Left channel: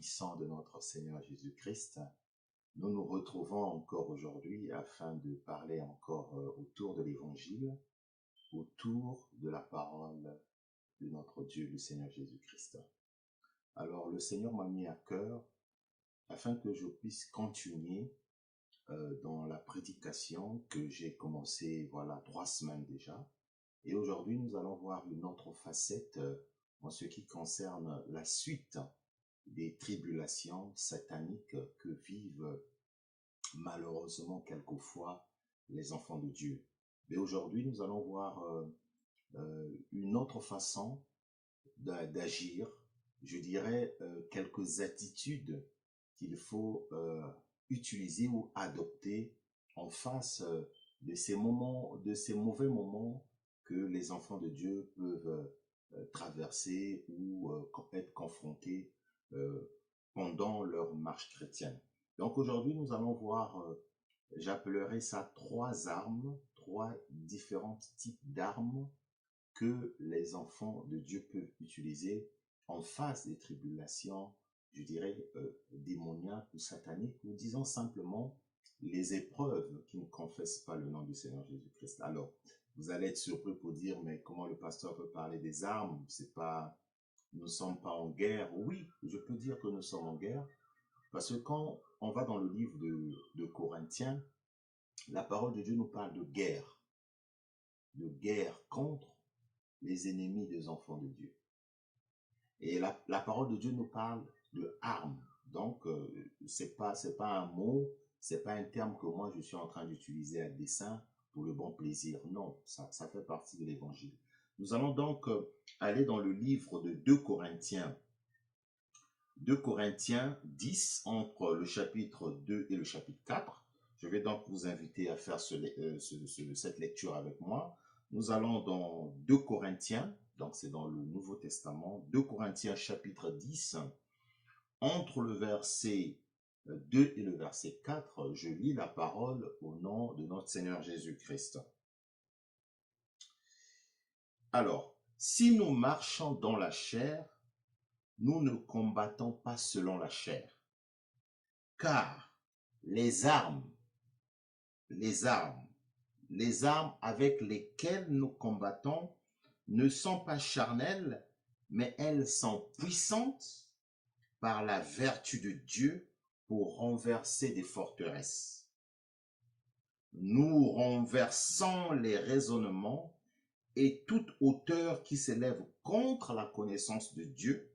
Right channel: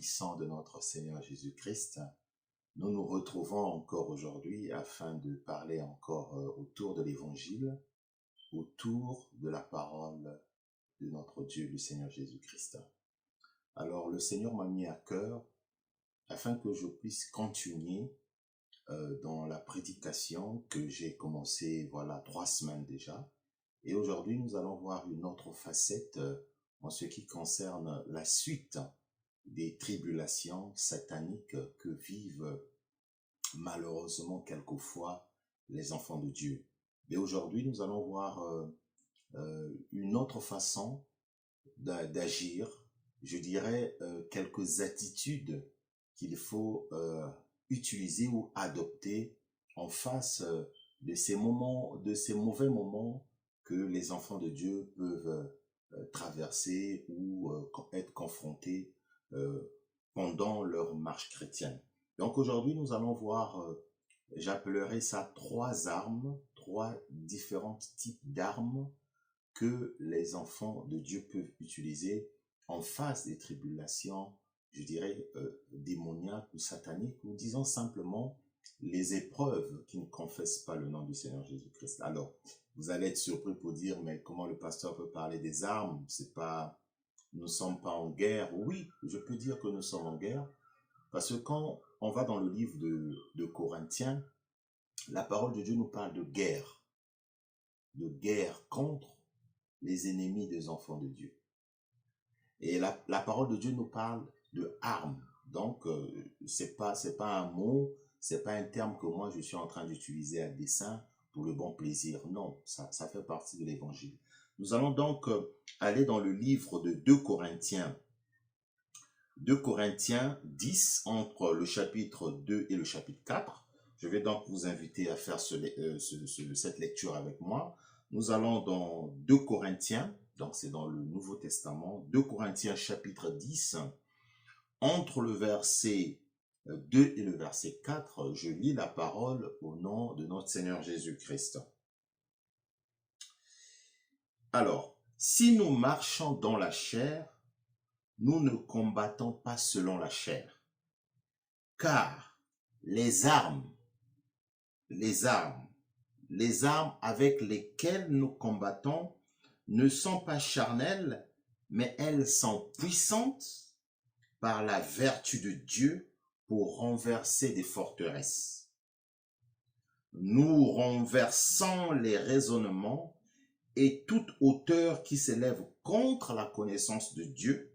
puissant de notre Seigneur Jésus-Christ, nous nous retrouvons encore aujourd'hui afin de parler encore autour de l'Évangile, autour de la parole de notre Dieu, le Seigneur Jésus-Christ. Alors, le Seigneur m'a mis à cœur afin que je puisse continuer dans la prédication que j'ai commencé, 3 semaines déjà. Et aujourd'hui, nous allons voir une autre facette en ce qui concerne la suite des tribulations sataniques que vivent malheureusement quelquefois les enfants de Dieu. Mais aujourd'hui, nous allons voir une autre façon d'agir, je dirais quelques attitudes qu'il faut utiliser ou adopter en face de ces moments, de ces mauvais moments que les enfants de Dieu peuvent traverser ou être confrontés pendant leur marche chrétienne. Donc aujourd'hui, nous allons voir, j'appellerai ça 3 armes, 3 différents types d'armes que les enfants de Dieu peuvent utiliser en face des tribulations, je dirais, démoniaques ou sataniques, ou disons simplement les épreuves qui ne confessent pas le nom du Seigneur Jésus-Christ. Alors, vous allez être surpris pour dire, mais comment le pasteur peut parler des armes? C'est pas, nous ne sommes pas en guerre. Oui, je peux dire que nous sommes en guerre, parce que quand on va dans le livre de Corinthiens, la parole de Dieu nous parle de guerre contre les ennemis des enfants de Dieu. Et la parole de Dieu nous parle de armes. Donc, c'est pas un mot, c'est pas un terme que moi je suis en train d'utiliser à dessein pour le bon plaisir. Non, ça fait partie de l'évangile. Nous allons donc aller dans le livre de 2 Corinthiens. 2 Corinthiens 10, entre le chapitre 2 et le chapitre 4. Je vais donc vous inviter à faire cette lecture avec moi. Nous allons dans 2 Corinthiens, donc c'est dans le Nouveau Testament, 2 Corinthiens chapitre 10, entre le verset 2 et le verset 4, je lis la parole au nom de notre Seigneur Jésus-Christ. Alors, si nous marchons dans la chair, nous ne combattons pas selon la chair, car les armes avec lesquelles nous combattons ne sont pas charnelles, mais elles sont puissantes par la vertu de Dieu pour renverser des forteresses. Nous renversons les raisonnements et toute hauteur qui s'élève contre la connaissance de Dieu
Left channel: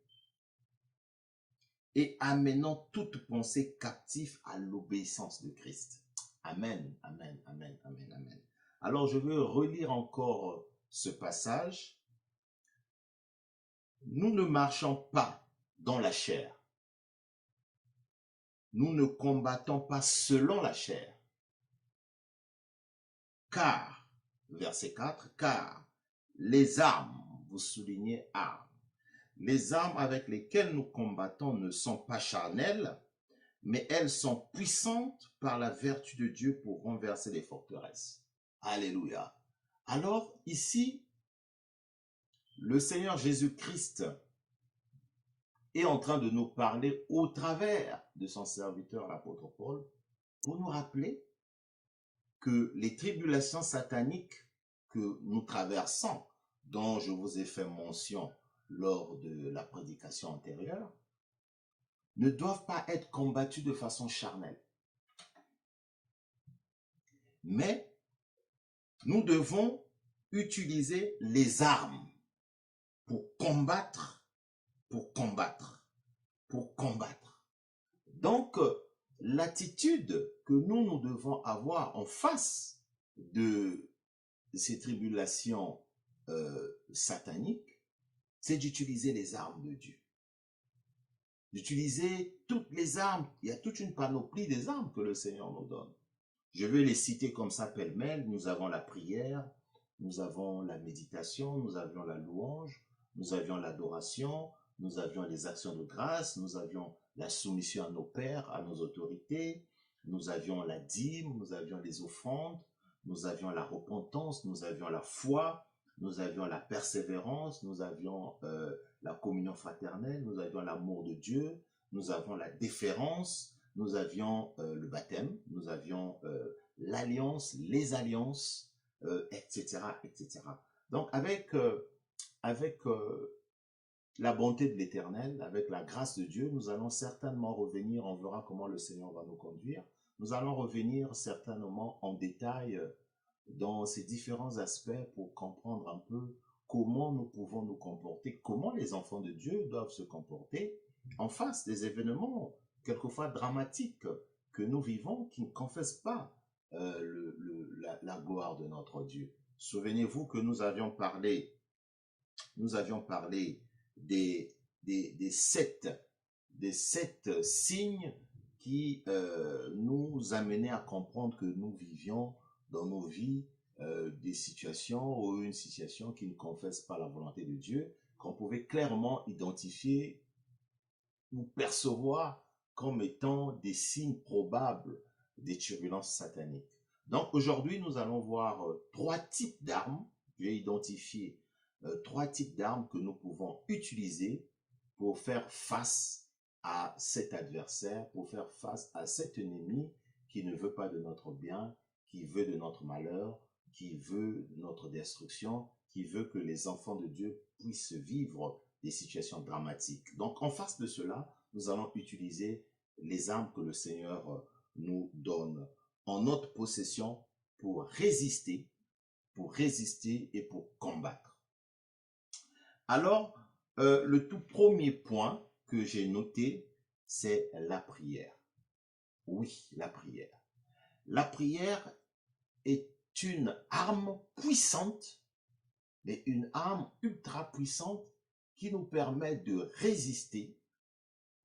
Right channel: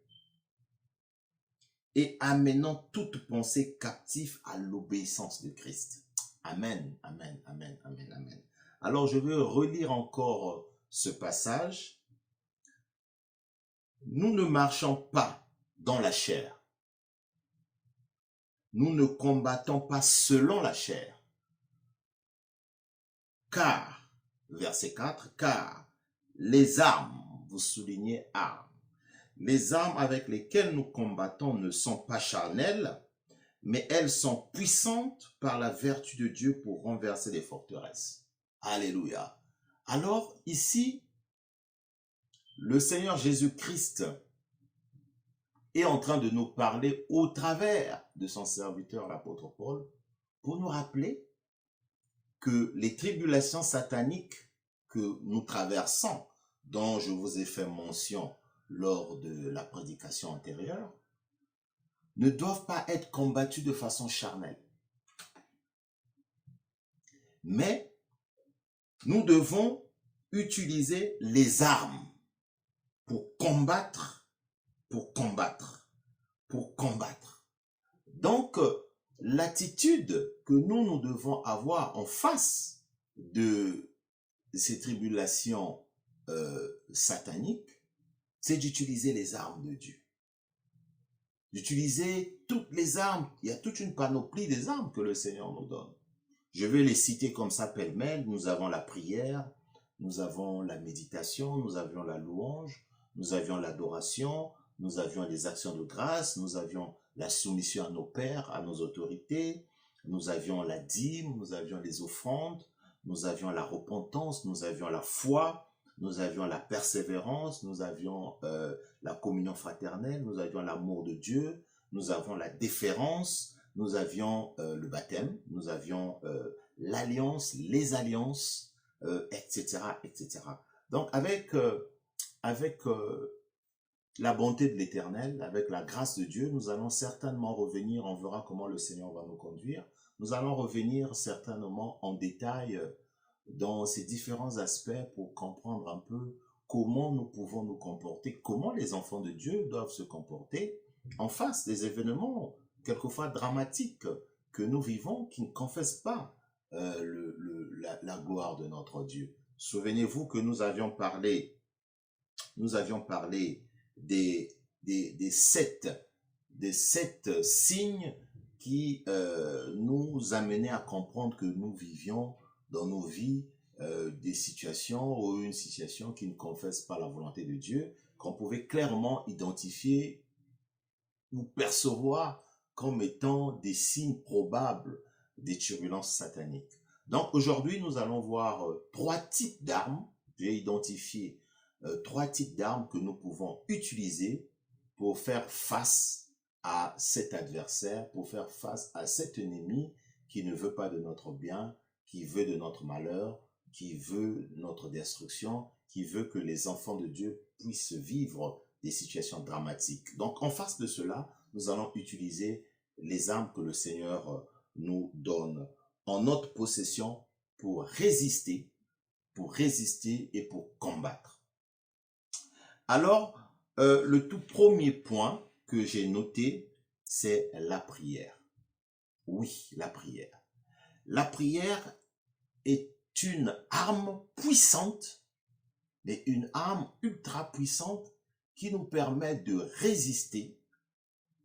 et amenant toute pensée captive à l'obéissance de Christ. Amen, amen, amen, amen, amen. Alors, je veux relire encore ce passage. Nous ne marchons pas dans la chair. Nous ne combattons pas selon la chair. Car, verset 4, car les armes, vous soulignez armes, les armes avec lesquelles nous combattons ne sont pas charnelles, mais elles sont puissantes par la vertu de Dieu pour renverser les forteresses. Alléluia. Alors, ici, le Seigneur Jésus-Christ est en train de nous parler au travers de son serviteur, l'apôtre Paul, pour nous rappeler que les tribulations sataniques que nous traversons, dont je vous ai fait mention lors de la prédication antérieure, ne doivent pas être combattues de façon charnelle. Mais nous devons utiliser les armes pour combattre. Donc, l'attitude que nous devons avoir en face de ces tribulations sataniques, c'est d'utiliser les armes de Dieu. D'utiliser toutes les armes. Il y a toute une panoplie des armes que le Seigneur nous donne. Je vais les citer comme ça pêle-mêle. Nous avons la prière, nous avons la méditation, nous avions la louange, nous avions l'adoration, nous avions les actions de grâce, nous avions la soumission à nos pères, à nos autorités, nous avions la dîme, nous avions les offrandes, nous avions la repentance, nous avions la foi, nous avions la persévérance, nous avions la communion fraternelle, nous avions l'amour de Dieu, nous avons la déférence, nous avions le baptême, nous avions l'alliance, les alliances, etc., etc. Donc, avec la bonté de l'Éternel, avec la grâce de Dieu, nous allons certainement revenir, on verra comment le Seigneur va nous conduire, nous allons revenir certainement en détail dans ces différents aspects pour comprendre un peu comment nous pouvons nous comporter, comment les enfants de Dieu doivent se comporter en face des événements quelquefois dramatiques que nous vivons, qui ne confessent pas la gloire de notre Dieu. Souvenez-vous que nous avions parlé des sept signes qui nous amenaient à comprendre que nous vivions dans nos vies des situations ou une situation qui ne confesse pas la volonté de Dieu, qu'on pouvait clairement identifier ou percevoir comme étant des signes probables des turbulences sataniques. Donc aujourd'hui, nous allons voir trois types d'armes. J'ai identifié trois types d'armes que nous pouvons utiliser pour faire face à cet adversaire, pour faire face à cet ennemi qui ne veut pas de notre bien, qui veut de notre malheur, qui veut notre destruction, qui veut que les enfants de Dieu puissent vivre des situations dramatiques. Donc, en face de cela, nous allons utiliser les armes que le Seigneur nous donne en notre possession pour résister et pour combattre. Alors, le tout premier point que j'ai noté, c'est la prière. Oui, la prière. La prière est une arme puissante, mais une arme ultra puissante qui nous permet de résister,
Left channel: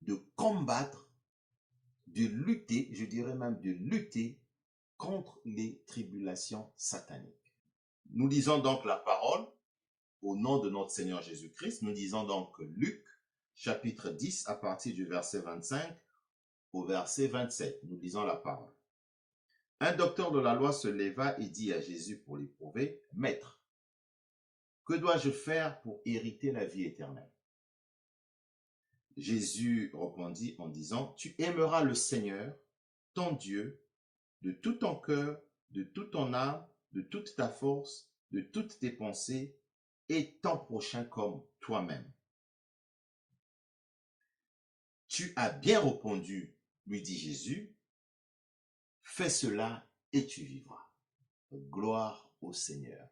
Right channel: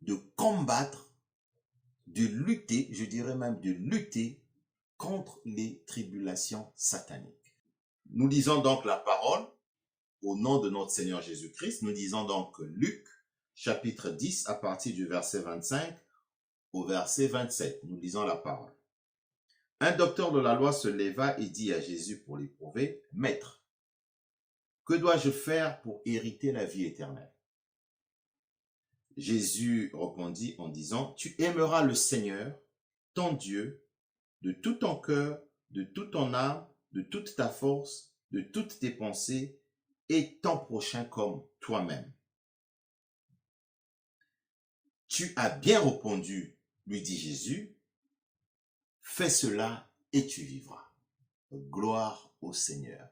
de combattre, de lutter, je dirais même de lutter contre les tribulations sataniques. Nous lisons donc la parole au nom de notre Seigneur Jésus-Christ. Nous lisons donc Luc, chapitre 10, à partir du verset 25 au verset 27. Nous lisons la parole. Un docteur de la loi se leva et dit à Jésus pour l'éprouver, « Maître, que dois-je faire pour hériter la vie éternelle ?» Jésus répondit en disant, « Tu aimeras le Seigneur, ton Dieu, de tout ton cœur, de toute ton âme, de toute ta force, de toutes tes pensées, et ton prochain comme toi-même. » « Tu as bien répondu, lui dit Jésus, fais cela et tu vivras. » Gloire au Seigneur.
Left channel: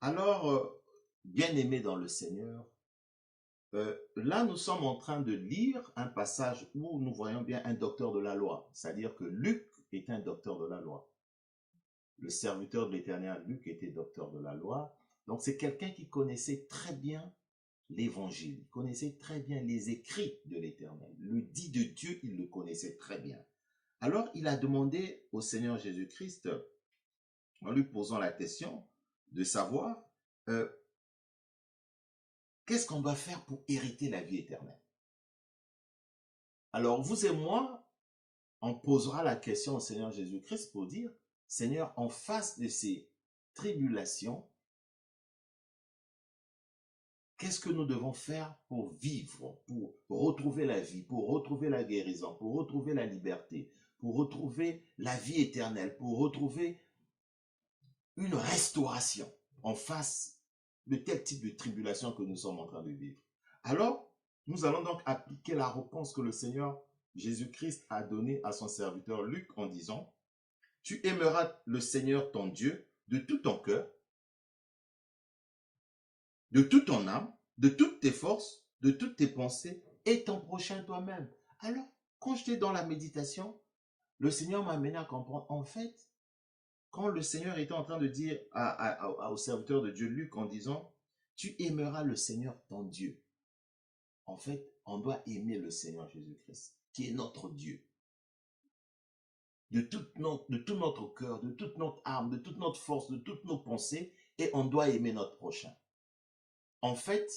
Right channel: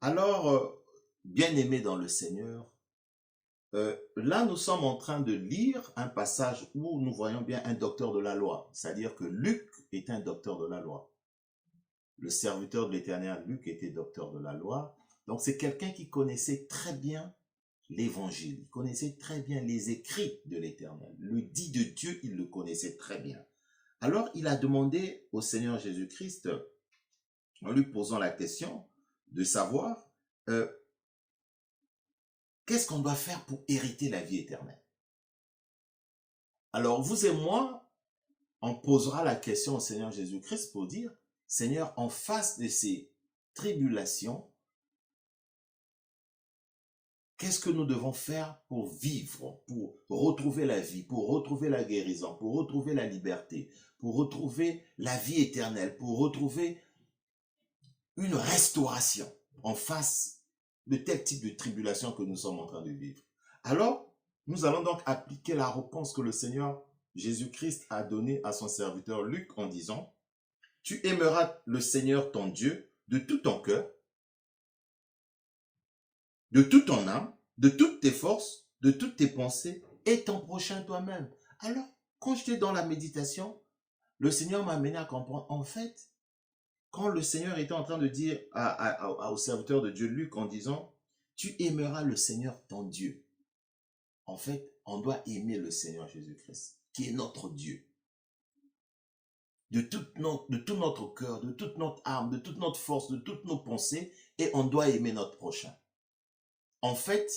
Alors, bien-aimés dans le Seigneur, là nous sommes en train de lire un passage où nous voyons bien un docteur de la loi, c'est-à-dire que Luc est un docteur de la loi. Le serviteur de l'Éternel, Luc, était docteur de la loi. Donc c'est quelqu'un qui connaissait très bien l'Évangile, il connaissait très bien les écrits de l'Éternel. Le dit de Dieu, il le connaissait très bien. Alors il a demandé au Seigneur Jésus-Christ, en lui posant la question de savoir qu'est-ce qu'on doit faire pour hériter la vie éternelle. Alors vous et moi, on posera la question au Seigneur Jésus-Christ pour dire, Seigneur, en face de ces tribulations, qu'est-ce que nous devons faire pour vivre, pour retrouver la vie, pour retrouver la guérison, pour retrouver la liberté, pour retrouver la vie éternelle, pour retrouver une restauration en face de tel type de tribulation que nous sommes en train de vivre. Alors, nous allons donc appliquer la réponse que le Seigneur Jésus-Christ a donnée à son serviteur Luc en disant, « Tu aimeras le Seigneur ton Dieu de tout ton cœur, de toute ton âme, de toutes tes forces, de toutes tes pensées, et ton prochain toi-même. » Alors, quand j'étais dans la méditation, le Seigneur m'a amené à comprendre, en fait, quand le Seigneur était en train de dire au serviteur de Dieu, Luc, en disant, « Tu aimeras le Seigneur ton Dieu. » En fait, on doit aimer le Seigneur Jésus-Christ, qui est notre Dieu. De tout notre cœur, de toute notre âme, de toute notre force, de toutes nos pensées, et on doit aimer notre prochain. En fait,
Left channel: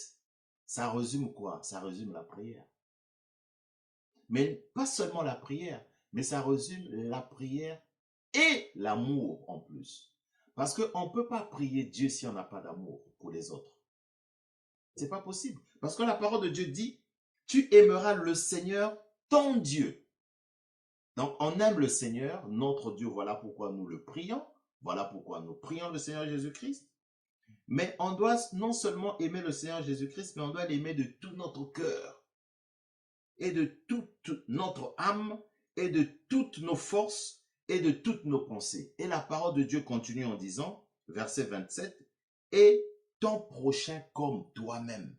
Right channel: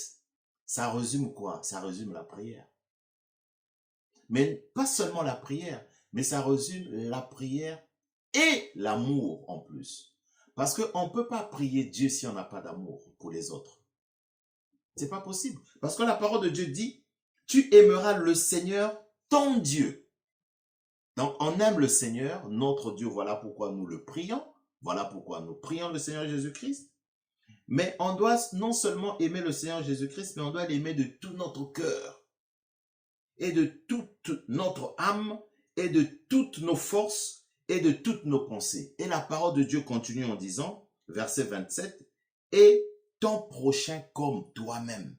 ça résume quoi? Ça résume la prière. Mais pas seulement la prière, mais ça résume la prière et l'amour en plus. Parce qu'on ne peut pas prier Dieu si on n'a pas d'amour pour les autres. C'est pas possible. Parce que la parole de Dieu dit, tu aimeras le Seigneur ton Dieu. Donc, on aime le Seigneur, notre Dieu, voilà pourquoi nous le prions, voilà pourquoi nous prions le Seigneur Jésus-Christ. Mais on doit non seulement aimer le Seigneur Jésus-Christ, mais on doit l'aimer de tout notre cœur et de toute notre âme et de toutes nos forces et de toutes nos pensées. Et la parole de Dieu continue en disant, verset 27, « Et ton prochain comme toi-même. »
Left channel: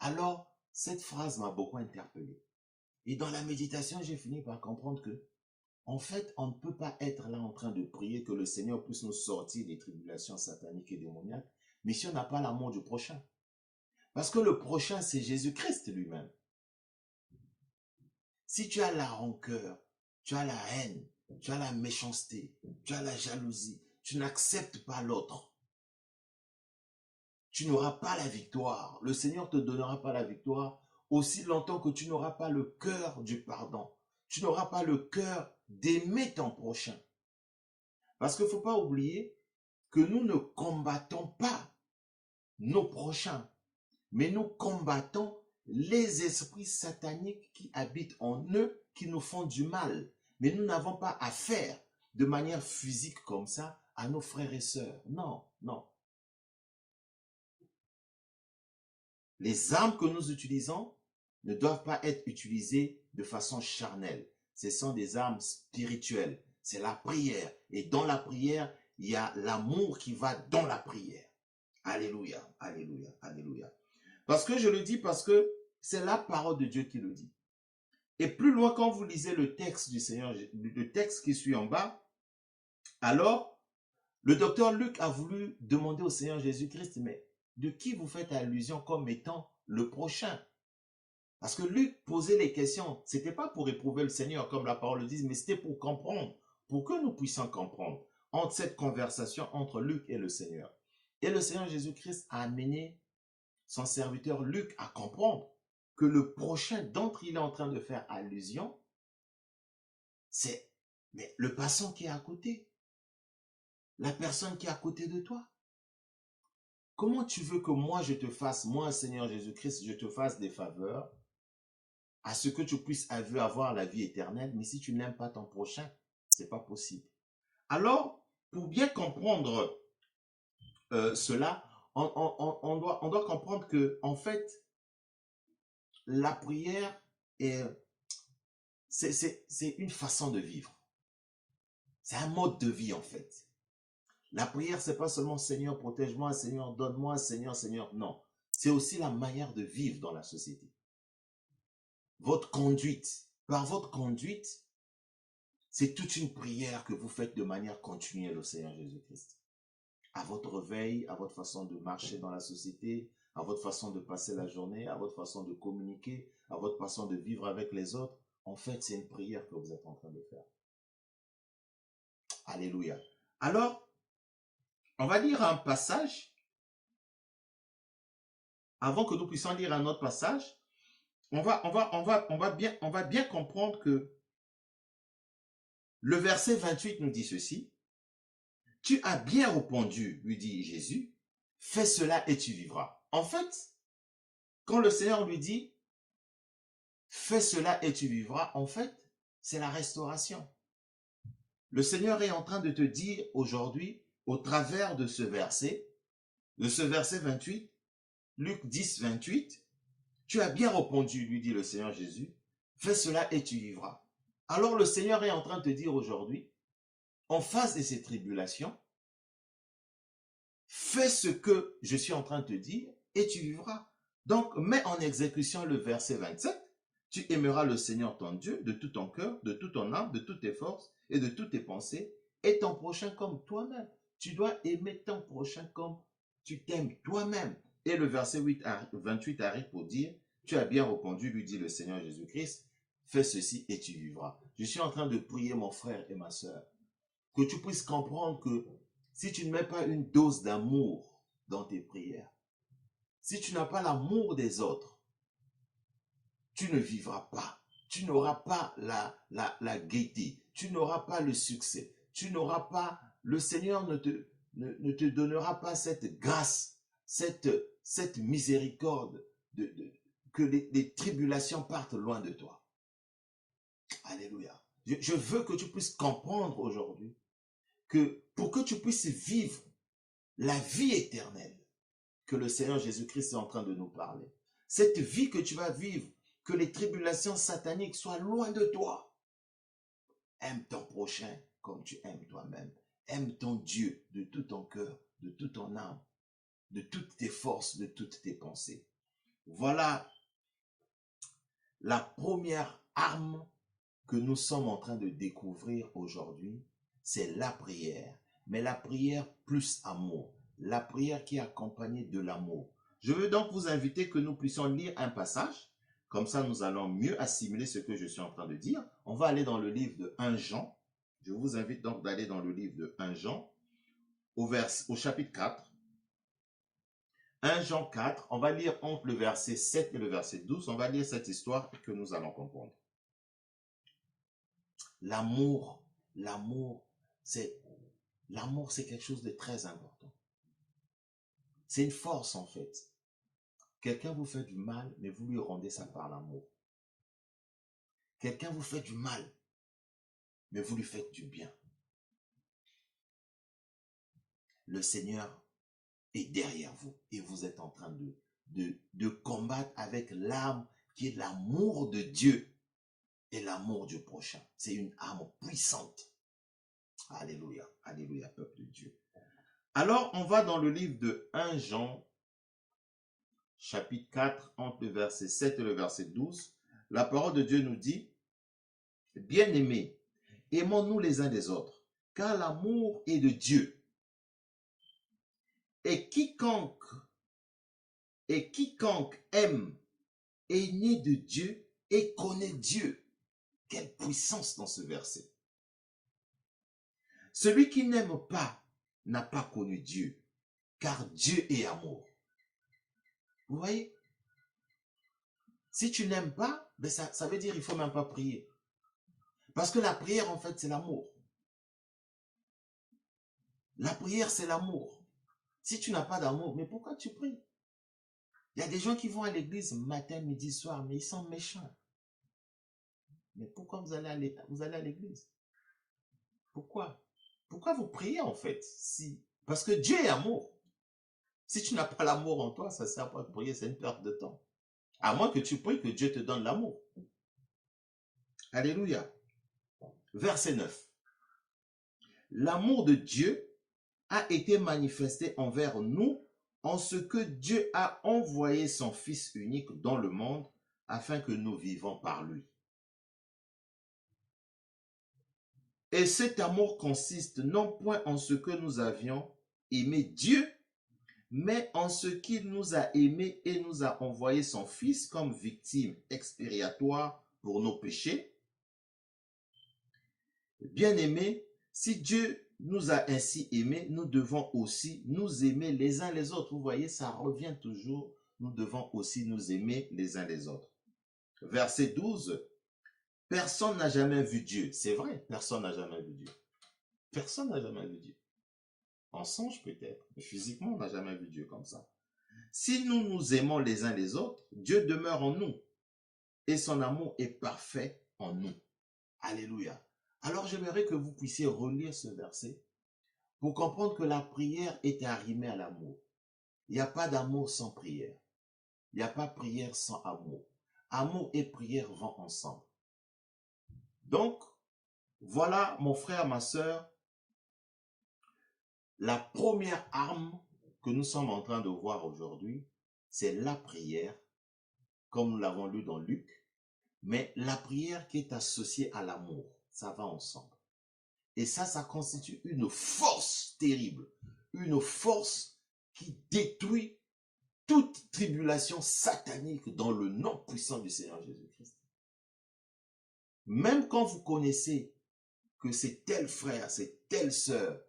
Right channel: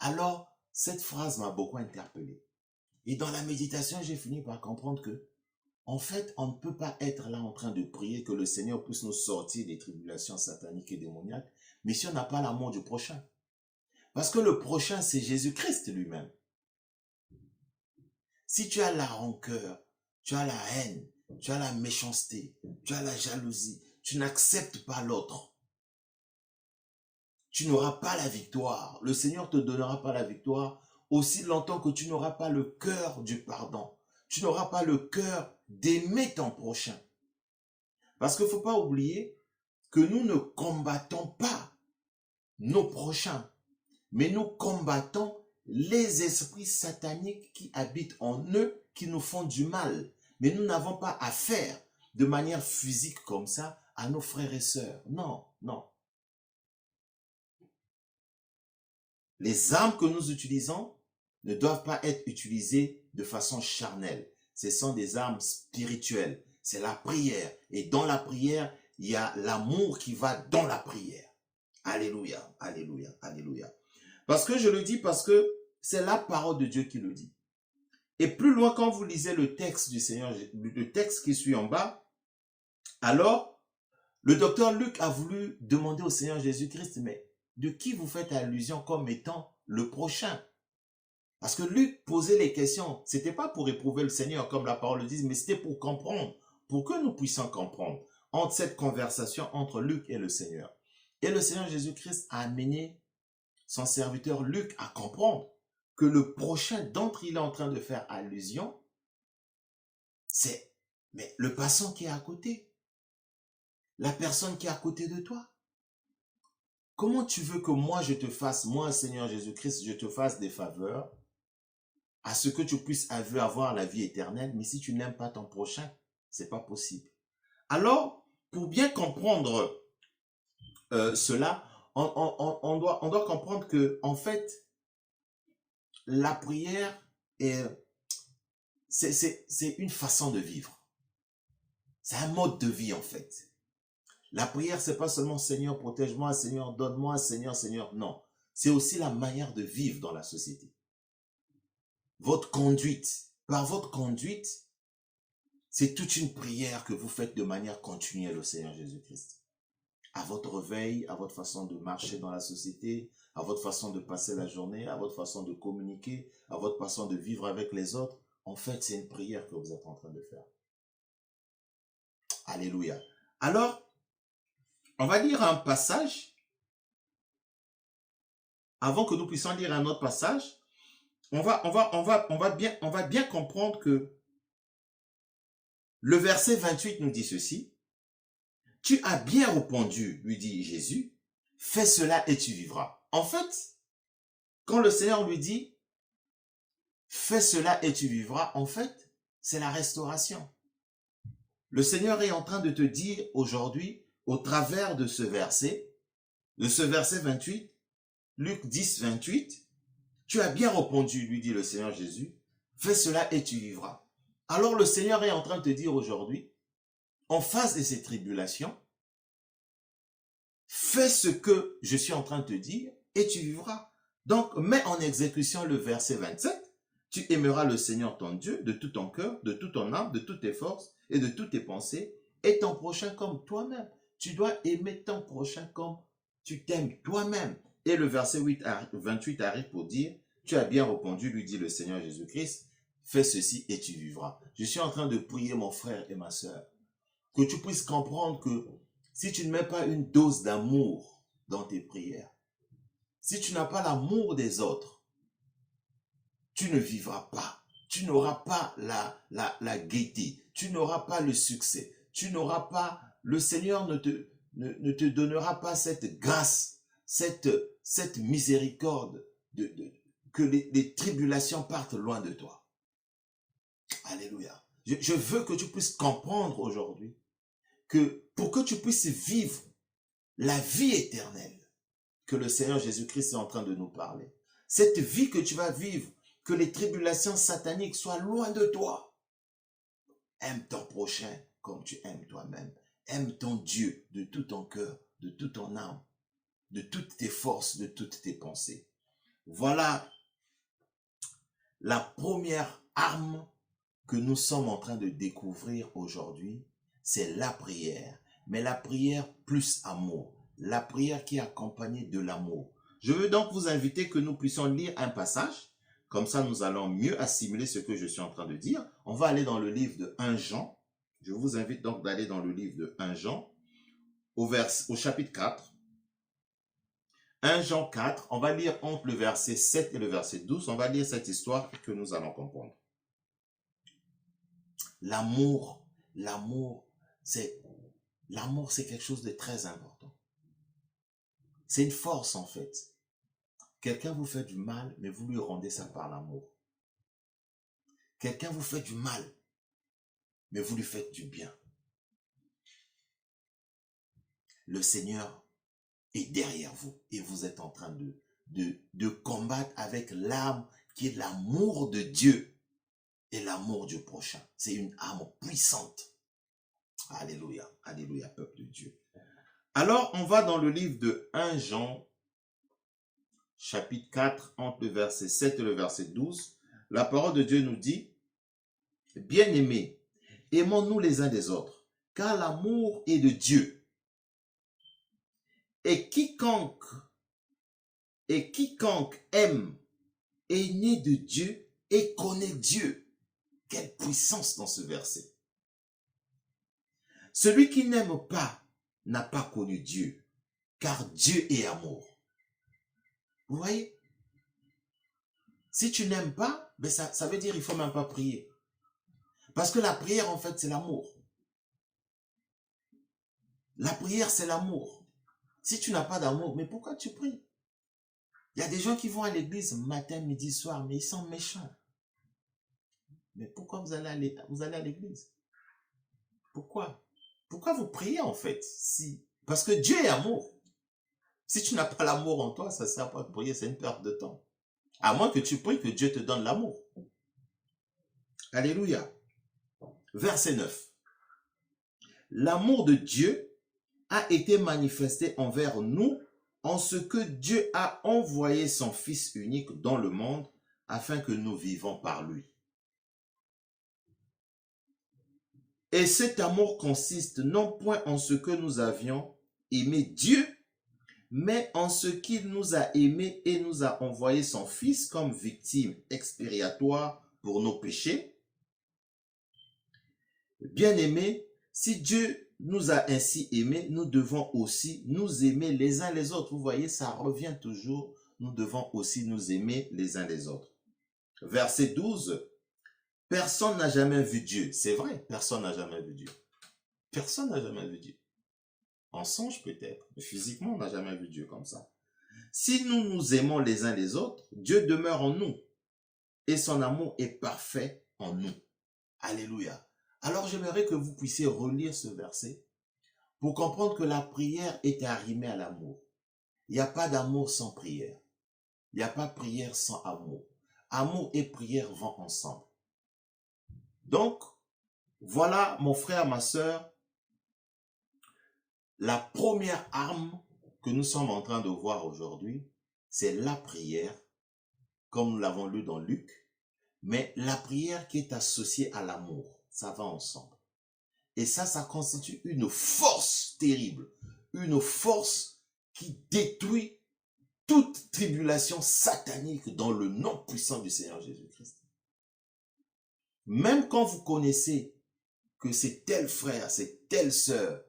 Alors, cette phrase m'a beaucoup interpellé. Et dans la méditation, j'ai fini par comprendre que, en fait, on ne peut pas être là en train de prier que le Seigneur puisse nous sortir des tribulations sataniques et démoniaques, mais si on n'a pas l'amour du prochain. Parce que le prochain, c'est Jésus-Christ lui-même. Si tu as la rancœur, tu as la haine, tu as la méchanceté, tu as la jalousie, tu n'acceptes pas l'autre, tu n'auras pas la victoire. Le Seigneur ne te donnera pas la victoire aussi longtemps que tu n'auras pas le cœur du pardon. Tu n'auras pas le cœur d'aimer ton prochain. Parce qu'il ne faut pas oublier que nous ne combattons pas nos prochains, mais nous combattons les esprits sataniques qui habitent en eux, qui nous font du mal. Mais nous n'avons pas affaire de manière physique comme ça à nos frères et sœurs. Non, non. Les armes que nous utilisons ne doivent pas être utilisées de façon charnelle. Ce sont des armes spirituelles. C'est la prière. Et dans la prière, il y a l'amour qui va dans la prière. Alléluia, alléluia, alléluia. Parce que je le dis parce que c'est la parole de Dieu qui le dit. Et plus loin, quand vous lisez le texte du Seigneur, le texte qui suit en bas, alors, le docteur Luc a voulu demander au Seigneur Jésus-Christ, mais de qui vous faites allusion comme étant le prochain? Parce que Luc posait les questions. Ce n'était pas pour éprouver le Seigneur, comme la parole le dit, mais c'était pour comprendre, pour que nous puissions comprendre entre cette conversation entre Luc et le Seigneur. Et le Seigneur Jésus-Christ a amené son serviteur Luc à comprendre que le prochain dont il est en train de faire allusion, c'est le passant qui est à côté, la personne qui est à côté de toi. Comment tu veux que moi je te fasse, moi Seigneur Jésus-Christ, je te fasse des faveurs à ce que tu puisses avoir la vie éternelle, mais si tu n'aimes pas ton prochain, c'est pas possible. Alors, pour bien comprendre cela, on doit comprendre que, en fait, la prière c'est une façon de vivre. C'est un mode de vie, en fait. La prière, c'est pas seulement Seigneur, protège-moi, Seigneur, donne-moi, Seigneur, Seigneur. Non. C'est aussi la manière de vivre dans la société. Votre conduite. Par votre conduite, c'est toute une prière que vous faites de manière continuelle au Seigneur Jésus-Christ. À votre réveil, à votre façon de marcher dans la société, à votre façon de passer la journée, à votre façon de communiquer, à votre façon de vivre avec les autres. En fait, c'est une prière que vous êtes en train de faire. Alléluia. Alors, on va lire un passage. Avant que nous puissions lire un autre passage, on va bien comprendre que le verset 28 nous dit ceci. « Tu as bien répondu, lui dit Jésus, fais cela et tu vivras. » En fait, quand le Seigneur lui dit « fais cela et tu vivras », en fait, c'est la restauration. Le Seigneur est en train de te dire aujourd'hui, au travers de ce verset 28, Luc 10, 28, « Tu as bien répondu, lui dit le Seigneur Jésus, fais cela et tu vivras. » Alors le Seigneur est en train de te dire aujourd'hui, en face de ces tribulations, fais ce que je suis en train de te dire et tu vivras. Donc, mets en exécution le verset 27. Tu aimeras le Seigneur ton Dieu de tout ton cœur, de toute ton âme, de toutes tes forces et de toutes tes pensées et ton prochain comme toi-même. Tu dois aimer ton prochain comme tu t'aimes toi-même. Et le verset 28 arrive pour dire, tu as bien répondu, lui dit le Seigneur Jésus-Christ, fais ceci et tu vivras. Je suis en train de prier mon frère et ma sœur, que tu puisses comprendre que si tu ne mets pas une dose d'amour dans tes prières, si tu n'as pas l'amour des autres, tu ne vivras pas. Tu n'auras pas la gaieté. Tu n'auras pas le succès. Tu n'auras pas, le Seigneur ne te donnera pas cette grâce, cette miséricorde que les tribulations partent loin de toi. Alléluia. Je veux que tu puisses comprendre aujourd'hui que pour que tu puisses vivre la vie éternelle que le Seigneur Jésus-Christ est en train de nous parler, cette vie que tu vas vivre, que les tribulations sataniques soient loin de toi. Aime ton prochain comme tu aimes toi-même. Aime ton Dieu de tout ton cœur, de toute ton âme, de toutes tes forces, de toutes tes pensées. Voilà la première arme que nous sommes en train de découvrir aujourd'hui, c'est la prière. Mais la prière plus amour. La prière qui est accompagnée de l'amour. Je veux donc vous inviter que nous puissions lire un passage. Comme ça, nous allons mieux assimiler ce que je suis en train de dire. On va aller dans le livre de 1 Jean. Je vous invite donc d'aller dans le livre de 1 Jean, au chapitre 4. 1 Jean 4, on va lire entre le verset 7 et le verset 12. On va lire cette histoire que nous allons comprendre. L'amour, c'est quelque chose de très important. C'est une force en fait. Quelqu'un vous fait du mal, mais vous lui rendez ça par l'amour. Quelqu'un vous fait du mal, mais vous lui faites du bien. Le Seigneur est derrière vous et vous êtes en train de combattre avec l'arme qui est l'amour de Dieu et l'amour du prochain. C'est une arme puissante. Alléluia, alléluia, peuple de Dieu. Alors, on va dans le livre de 1 Jean, chapitre 4, entre le verset 7 et le verset 12. La parole de Dieu nous dit, « Bien-aimés, aimons-nous les uns des autres, car l'amour est de Dieu. Et quiconque aime est né de Dieu et connaît Dieu. » Quelle puissance dans ce verset. Celui qui n'aime pas n'a pas connu Dieu, car Dieu est amour. Vous voyez? Si tu n'aimes pas, ben ça veut dire qu'il ne faut même pas prier. Parce que la prière, en fait, c'est l'amour. La prière, c'est l'amour. Si tu n'as pas d'amour, mais pourquoi tu pries? Il y a des gens qui vont à l'église matin, midi, soir, mais ils sont méchants. Mais pourquoi vous allez à l'église? Pourquoi? Pourquoi vous priez en fait? Parce que Dieu est amour. Si tu n'as pas l'amour en toi, ça ne sert pas à prier, c'est une perte de temps. À moins que tu pries que Dieu te donne l'amour. Alléluia. Verset 9. L'amour de Dieu a été manifesté envers nous en ce que Dieu a envoyé son Fils unique dans le monde afin que nous vivons par lui. Et cet amour consiste non point en ce que nous avions aimé Dieu, mais en ce qu'il nous a aimés et nous a envoyé son Fils comme victime expiatoire pour nos péchés. Bien-aimés, si Dieu nous a ainsi aimés, nous devons aussi nous aimer les uns les autres. Vous voyez, ça revient toujours. Nous devons aussi nous aimer les uns les autres. Verset 12. Personne n'a jamais vu Dieu. C'est vrai, personne n'a jamais vu Dieu. Personne n'a jamais vu Dieu. En songe peut-être, mais physiquement, on n'a jamais vu Dieu comme ça. Si nous nous aimons les uns les autres, Dieu demeure en nous et son amour est parfait en nous. Alléluia. Alors j'aimerais que vous puissiez relire ce verset pour comprendre que la prière est arrimée à l'amour. Il n'y a pas d'amour sans prière. Il n'y a pas prière sans amour. Amour et prière vont ensemble. Donc, voilà mon frère, ma soeur, la première arme que nous sommes en train de voir aujourd'hui, c'est la prière, comme nous l'avons lu dans Luc, mais la prière qui est associée à l'amour, ça va ensemble. Et ça constitue une force terrible, une force qui détruit toute tribulation satanique dans le nom puissant du Seigneur Jésus-Christ. Même quand vous connaissez que c'est tel frère, c'est telle sœur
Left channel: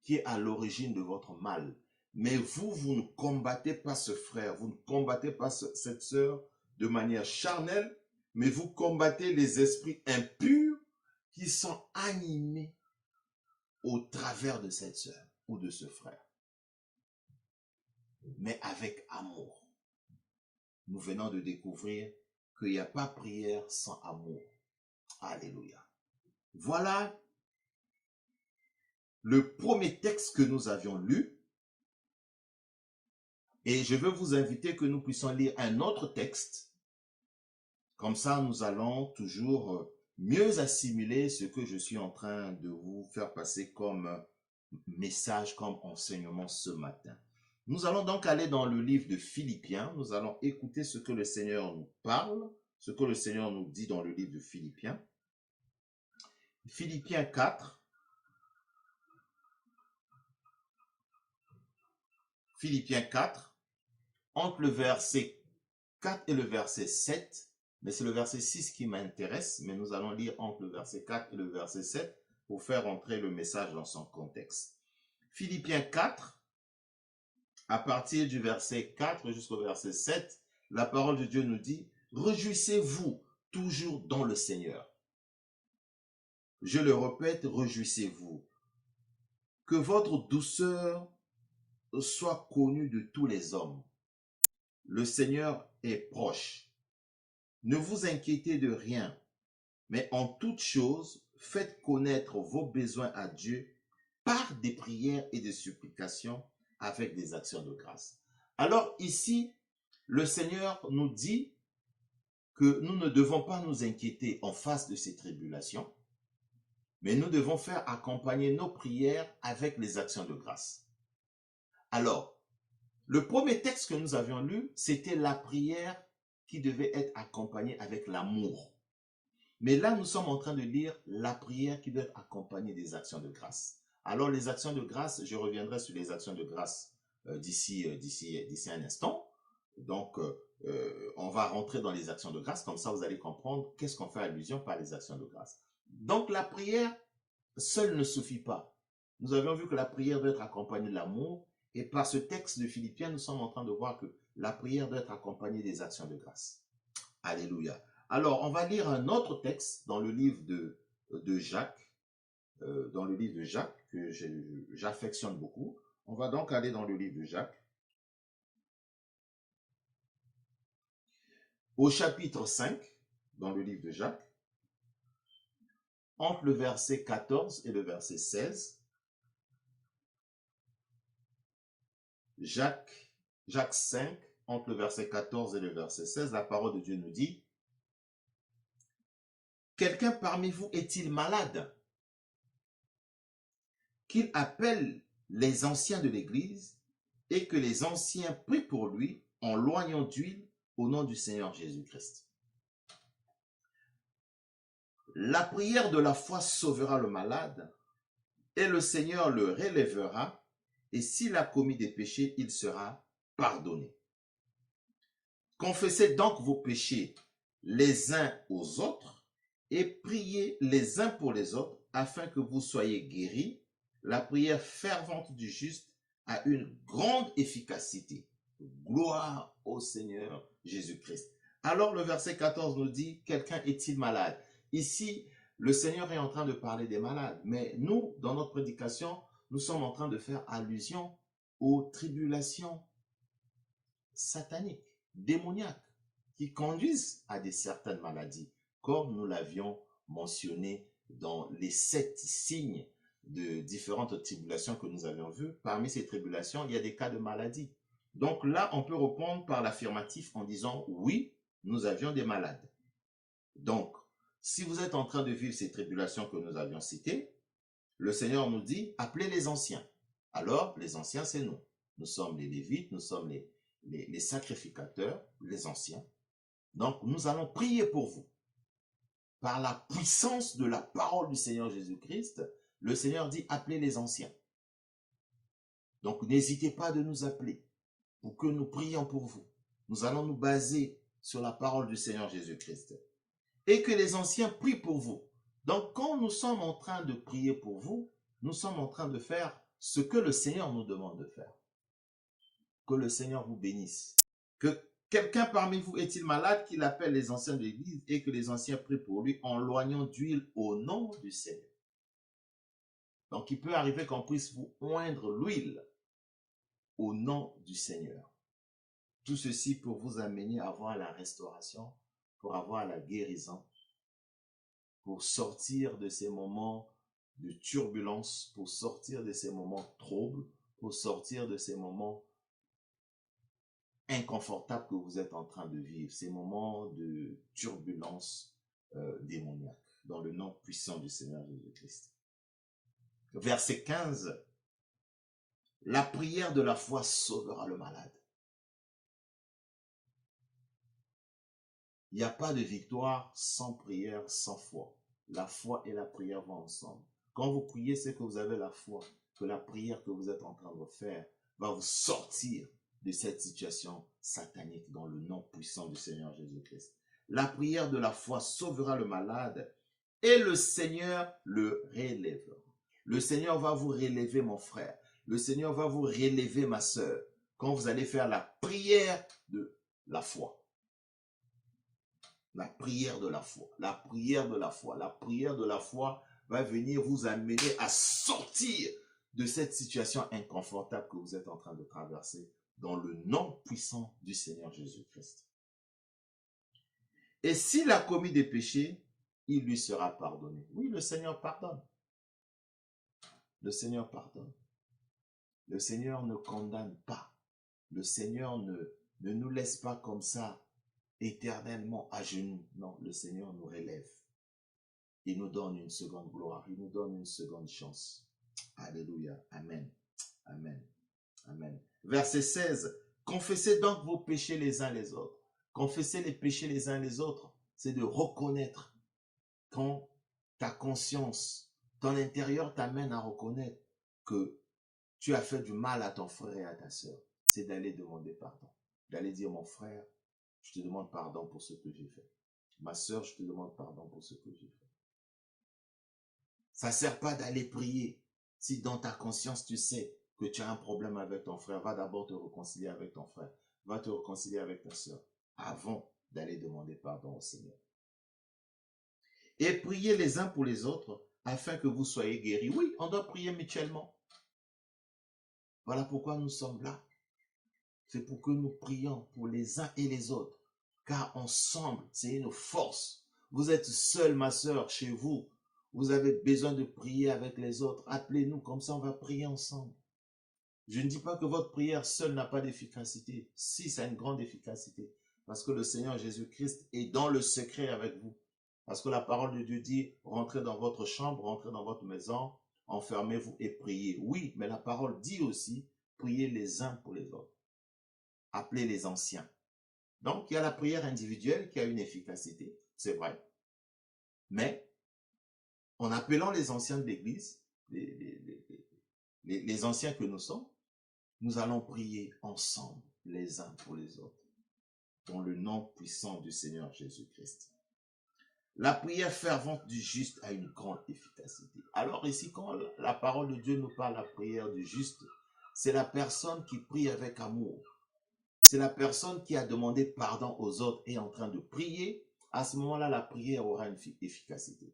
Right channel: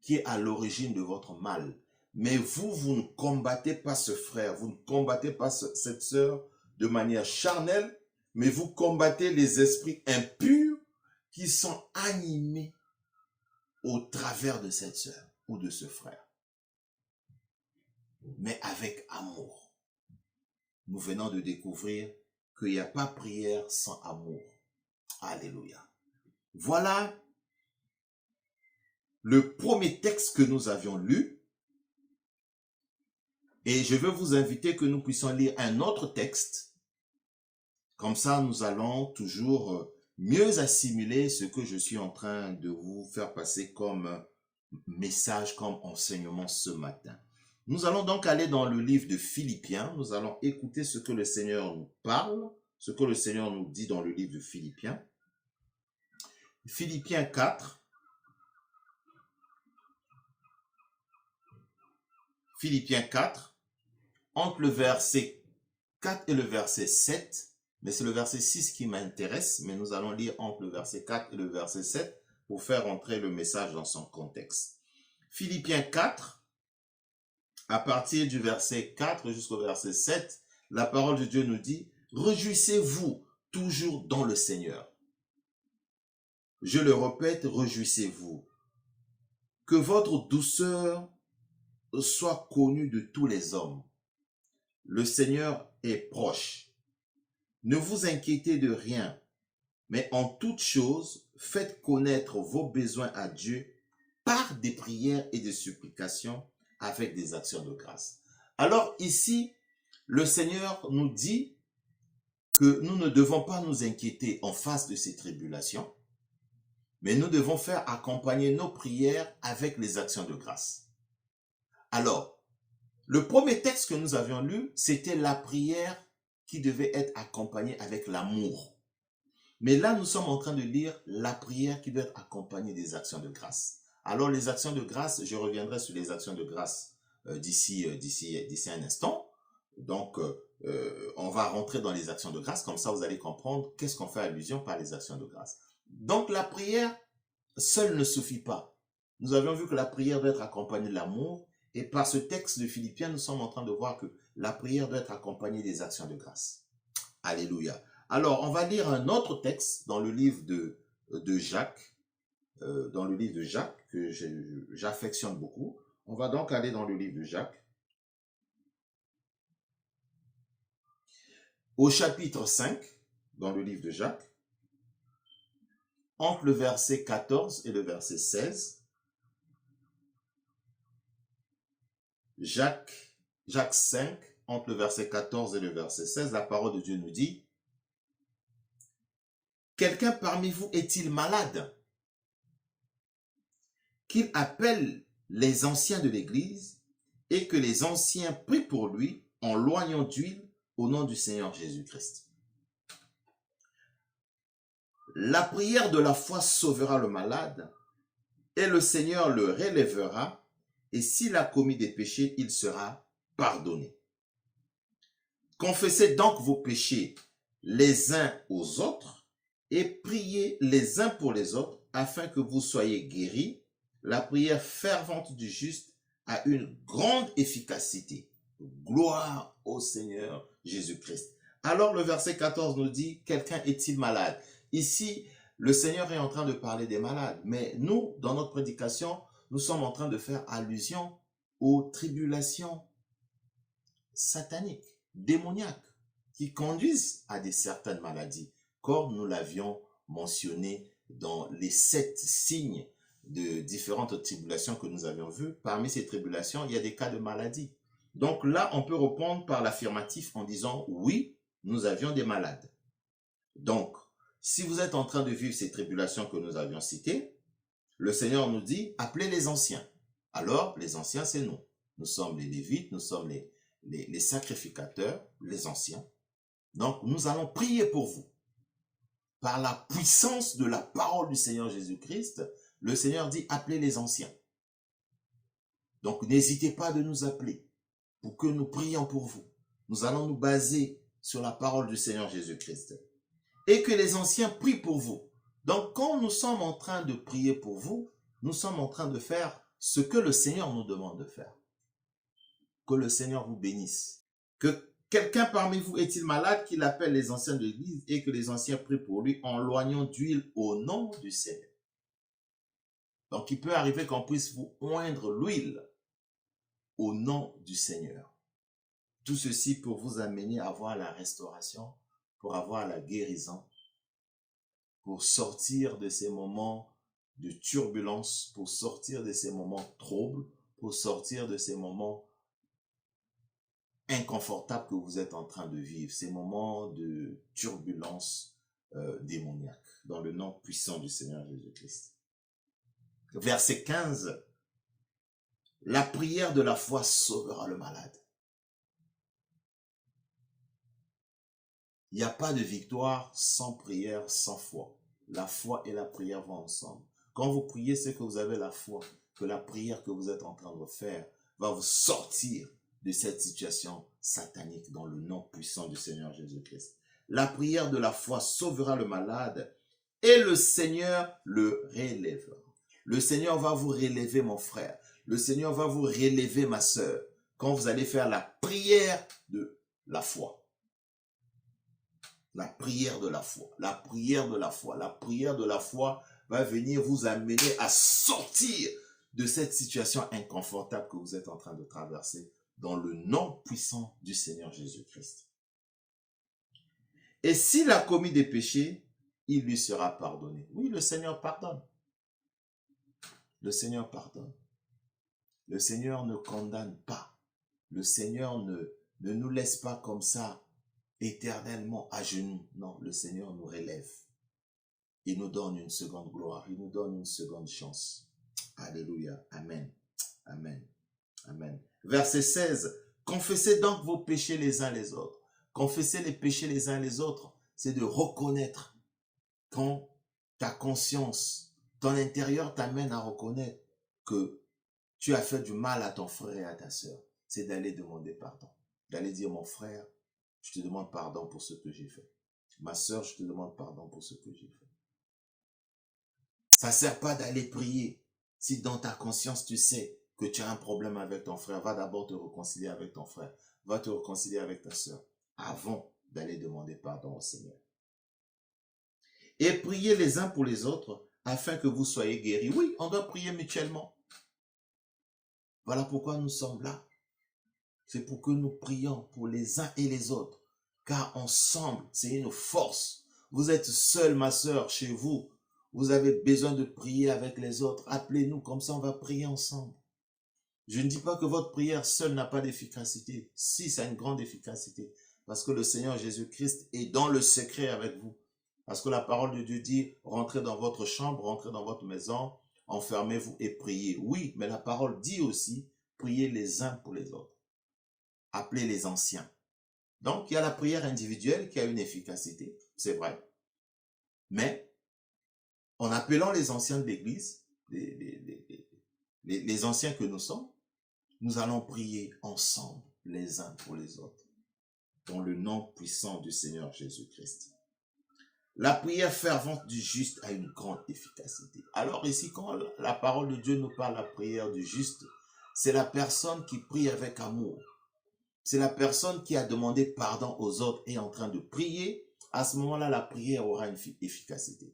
qui est à l'origine de votre mal, mais vous ne combattez pas ce frère, vous ne combattez pas cette sœur de manière charnelle, mais vous combattez les esprits impurs qui sont animés au travers de cette sœur ou de ce frère. Mais avec amour. Nous venons de découvrir qu'il n'y a pas prière sans amour. Alléluia. Voilà le premier texte que nous avions lu. Et je veux vous inviter que nous puissions lire un autre texte. Comme ça, nous allons toujours mieux assimiler ce que je suis en train de vous faire passer comme message, comme enseignement ce matin. Nous allons donc aller dans le livre de Philippiens. Nous allons écouter ce que le Seigneur nous parle, ce que le Seigneur nous dit dans le livre de Philippiens. Philippiens 4. Philippiens 4, entre le verset 4 et le verset 7, mais c'est le verset 6 qui m'intéresse, mais nous allons lire entre le verset 4 et le verset 7 pour faire entrer le message dans son contexte. Philippiens 4, à partir du verset 4 jusqu'au verset 7, la parole de Dieu nous dit « Réjouissez-vous toujours dans le Seigneur. Je le répète, réjouissez-vous. Que votre douceur soit connue de tous les hommes. Le Seigneur est proche. Ne vous inquiétez de rien, mais en toute chose, faites connaître vos besoins à Dieu par des prières et des supplications avec des actions de grâce. » Alors ici, le Seigneur nous dit que nous ne devons pas nous inquiéter en face de ces tribulations, mais nous devons faire accompagner nos prières avec les actions de grâce. Alors, le premier texte que nous avions lu, c'était la prière qui devait être accompagnée avec l'amour. Mais là, nous sommes en train de lire la prière qui doit être accompagnée des actions de grâce. Alors, les actions de grâce, je reviendrai sur les actions de grâce d'ici un instant. Donc, on va rentrer dans les actions de grâce. Comme ça, vous allez comprendre qu'est-ce qu'on fait allusion par les actions de grâce. Donc, la prière seule ne suffit pas. Nous avions vu que la prière doit être accompagnée de l'amour. Et par ce texte de Philippiens, nous sommes en train de voir que la prière doit être accompagnée des actions de grâce. Alléluia. Alors, on va lire un autre texte dans le livre de Jacques, que j'affectionne beaucoup. On va donc aller dans le livre de Jacques, au chapitre 5, dans le livre de Jacques, entre le verset 14 et le verset 16. Jacques 5, entre le verset 14 et le verset 16, la parole de Dieu nous dit « Quelqu'un parmi vous est-il malade? Qu'il appelle les anciens de l'Église et que les anciens prient pour lui en loignant d'huile au nom du Seigneur Jésus-Christ. La prière de la foi sauvera le malade et le Seigneur le relèvera, et s'il a commis des péchés, il sera pardonné. Confessez donc vos péchés les uns aux autres et priez les uns pour les autres afin que vous soyez guéris. La prière fervente du juste a une grande efficacité. Gloire au Seigneur Jésus-Christ. Alors le verset 14 nous dit, quelqu'un est-il malade? Ici, le Seigneur est en train de parler des malades, mais nous, dans notre prédication, nous sommes en train de faire allusion aux tribulations sataniques, démoniaques, qui conduisent à certaines maladies, comme nous l'avions mentionné dans les 7 signes de différentes tribulations que nous avions vues. Parmi ces tribulations, il y a des cas de maladie. Donc là, on peut répondre par l'affirmatif en disant « Oui, nous avions des malades ». Donc, si vous êtes en train de vivre ces tribulations que nous avions citées, le Seigneur nous dit « Appelez les anciens ». Alors, les anciens, c'est nous. Nous sommes les Lévites, nous sommes les sacrificateurs, les anciens. Donc, nous allons prier pour vous. Par la puissance de la parole du Seigneur Jésus-Christ, le Seigneur dit « Appelez les anciens ». Donc, n'hésitez pas de nous appeler pour que nous prions pour vous. Nous allons nous baser sur la parole du Seigneur Jésus-Christ. Et que les anciens prient pour vous. Donc, quand nous sommes en train de prier pour vous, nous sommes en train de faire ce que le Seigneur nous demande de faire. Que le Seigneur vous bénisse. Que quelqu'un parmi vous est-il malade, qu'il appelle les anciens de l'Église et que les anciens prient pour lui en loignant d'huile au nom du Seigneur. Donc, il peut arriver qu'on puisse vous oindre l'huile au nom du Seigneur. Tout ceci pour vous amener à avoir la restauration, pour avoir la guérison, pour sortir de ces moments de turbulence, pour sortir de ces moments troubles, pour sortir de ces moments inconfortables que vous êtes en train de vivre, ces moments de turbulence démoniaque, dans le nom puissant du Seigneur Jésus-Christ. Verset 15, la prière de la foi sauvera le malade. Il n'y a pas de victoire sans prière, sans foi. La foi et la prière vont ensemble. Quand vous priez, c'est que vous avez la foi, que la prière que vous êtes en train de faire va vous sortir de cette situation satanique dans le nom puissant du Seigneur Jésus-Christ. La prière de la foi sauvera le malade et le Seigneur le relèvera. Le Seigneur va vous relever, mon frère. Le Seigneur va vous relever, ma sœur, quand vous allez faire la prière de la foi. La prière de la foi, la prière de la foi, la prière de la foi va venir vous amener à sortir de cette situation inconfortable que vous êtes en train de traverser dans le nom puissant du Seigneur Jésus-Christ. Et s'il a commis des péchés, il lui sera pardonné. Oui, le Seigneur pardonne. Le Seigneur pardonne. Le Seigneur ne condamne pas. Le Seigneur ne nous laisse pas comme ça éternellement à genoux. Non, le Seigneur nous relève. Il nous donne une seconde gloire. Il nous donne une seconde chance. Alléluia. Amen. Amen. Amen. Verset 16. Confessez donc vos péchés les uns les autres. Confesser les péchés les uns les autres, c'est de reconnaître quand ta conscience, ton intérieur t'amène à reconnaître que tu as fait du mal à ton frère et à ta sœur. C'est d'aller demander pardon. D'aller dire, mon frère, je te demande pardon pour ce que j'ai fait. Ma sœur, je te demande pardon pour ce que j'ai fait. Ça ne sert pas d'aller prier. Si dans ta conscience, tu sais que tu as un problème avec ton frère, va d'abord te réconcilier avec ton frère. Va te réconcilier avec ta sœur avant d'aller demander pardon au Seigneur. Et priez les uns pour les autres afin que vous soyez guéris. Oui, on doit prier mutuellement. Voilà pourquoi nous sommes là. C'est pour que nous prions pour les uns et les autres. Car ensemble, c'est une force. Vous êtes seul, ma sœur, chez vous. Vous avez besoin de prier avec les autres. Appelez-nous, comme ça on va prier ensemble. Je ne dis pas que votre prière seule n'a pas d'efficacité. Si, ça a une grande efficacité. Parce que le Seigneur Jésus-Christ est dans le secret avec vous. Parce que la parole de Dieu dit, rentrez dans votre chambre, rentrez dans votre maison, enfermez-vous et priez. Oui, mais la parole dit aussi, priez les uns pour les autres. Appelez les anciens. Donc, il y a la prière individuelle qui a une efficacité, c'est vrai. Mais, en appelant les anciens de l'Église, les anciens que nous sommes, nous allons prier ensemble, les uns pour les autres, dans le nom puissant du Seigneur Jésus-Christ. La prière fervente du juste a une grande efficacité. Alors ici, quand la parole de Dieu nous parle de la prière du juste, c'est la personne qui prie avec amour. C'est la personne qui a demandé pardon aux autres et est en train de prier. À ce moment-là, la prière aura une efficacité.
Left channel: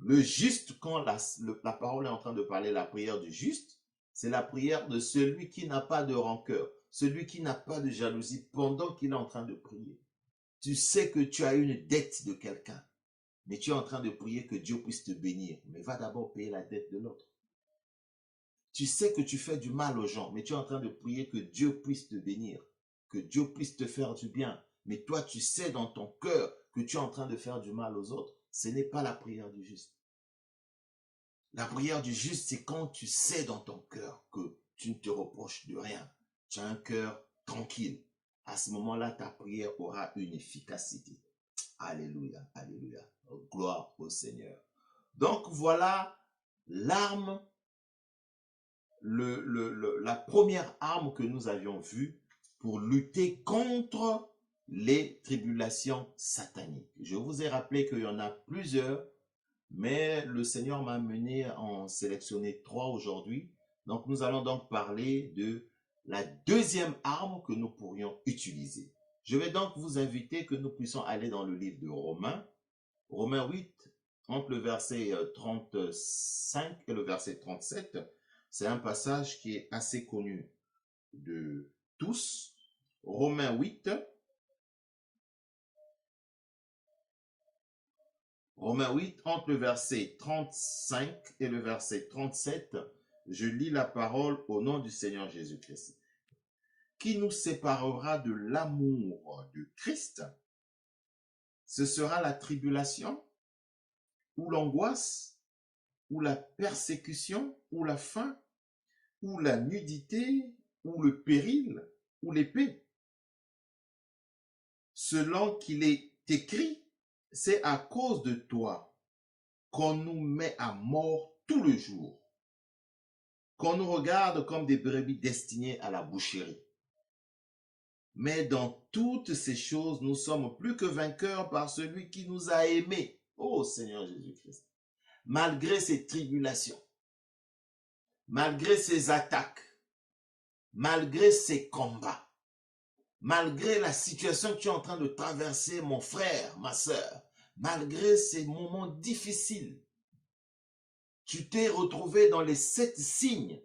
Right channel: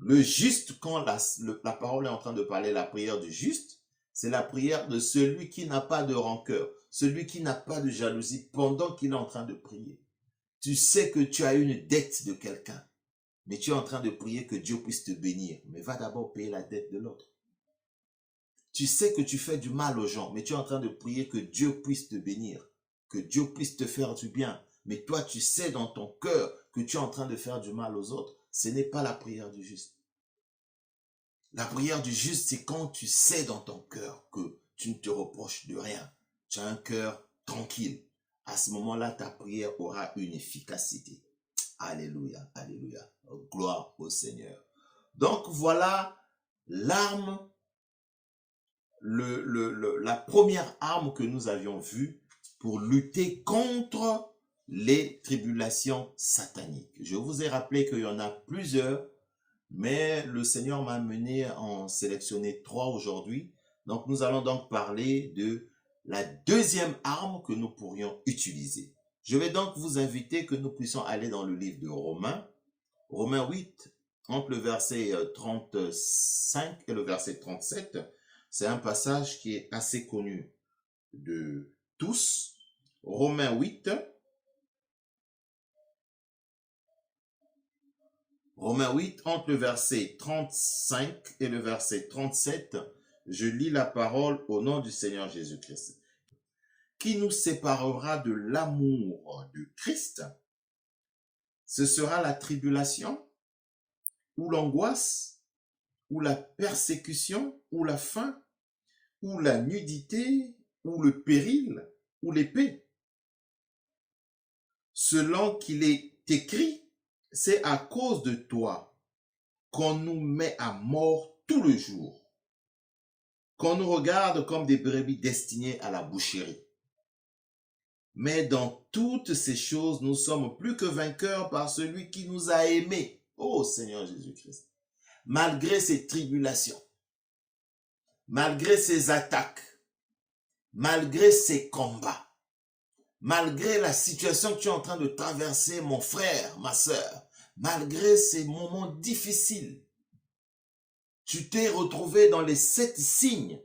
Le juste, quand la parole est en train de parler de la prière du juste, c'est la prière de celui qui n'a pas de rancœur, celui qui n'a pas de jalousie pendant qu'il est en train de prier. Tu sais que tu as une dette de quelqu'un, mais tu es en train de prier que Dieu puisse te bénir. Mais va d'abord payer la dette de l'autre. Tu sais que tu fais du mal aux gens, mais tu es en train de prier que Dieu puisse te bénir, que Dieu puisse te faire du bien. Mais toi, tu sais dans ton cœur que tu es en train de faire du mal aux autres. Ce n'est pas la prière du juste. La prière du juste, c'est quand tu sais dans ton cœur que tu ne te reproches de rien. Tu as un cœur tranquille. À ce moment-là, ta prière aura une efficacité. Alléluia, alléluia. Gloire au Seigneur. Donc voilà l'arme, la première arme que nous avions vue pour lutter contre les tribulations sataniques. Je vous ai rappelé qu'il y en a plusieurs, mais le Seigneur m'a amené à en sélectionner 3 aujourd'hui. Donc nous allons donc parler de la deuxième arme que nous pourrions utiliser. Je vais donc vous inviter que nous puissions aller dans le livre de Romains, Romains 8, entre le verset 35 et le verset 37. C'est un passage qui est assez connu de tous. Romains 8, Romains 8, entre le verset 35 et le verset 37, je lis la parole au nom du Seigneur Jésus-Christ. Qui nous séparera de l'amour de Christ? Ce sera la tribulation, ou l'angoisse, ou la persécution, ou la faim, ou la nudité, ou le péril, ou l'épée. Selon qu'il est écrit, c'est à cause de toi qu'on nous met à mort tout le jour, qu'on nous regarde comme des brebis destinées à la boucherie. Mais dans toutes ces choses, nous sommes plus que vainqueurs par celui qui nous a aimés. Ô Seigneur Jésus-Christ. Malgré ces tribulations, malgré ces attaques, malgré ces combats, malgré la situation que tu es en train de traverser, mon frère, ma sœur, malgré ces moments difficiles, tu t'es retrouvé dans les 7 signes.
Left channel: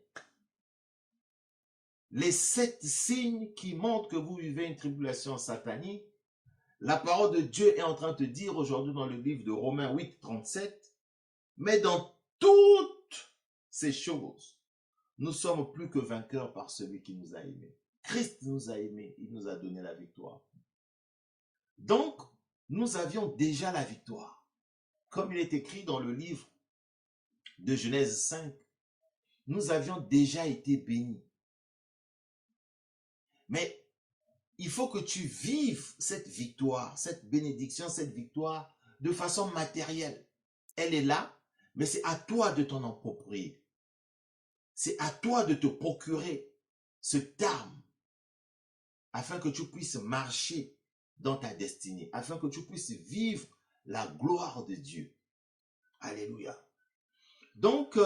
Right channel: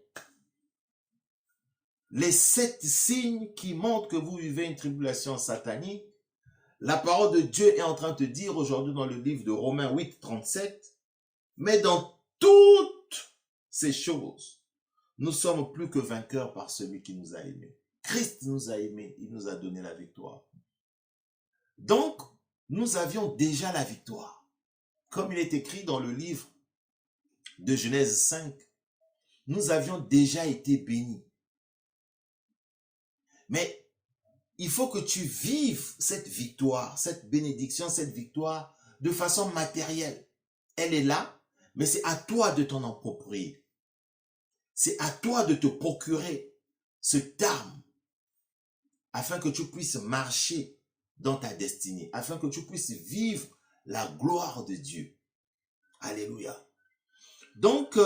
Les 7 signes qui montrent que vous vivez une tribulation satanique. La parole de Dieu est en train de te dire aujourd'hui dans le livre de Romains 8, 37, mais dans toutes ces choses, nous sommes plus que vainqueurs par celui qui nous a aimés. Christ nous a aimés, il nous a donné la victoire. Donc, nous avions déjà la victoire. Comme il est écrit dans le livre de Genèse 5, nous avions déjà été bénis. Mais il faut que tu vives cette victoire, cette bénédiction, cette victoire de façon matérielle. Elle est là, mais c'est à toi de t'en approprier. C'est à toi de te procurer cette arme afin que tu puisses marcher dans ta destinée, afin que tu puisses vivre la gloire de Dieu. Alléluia. Donc,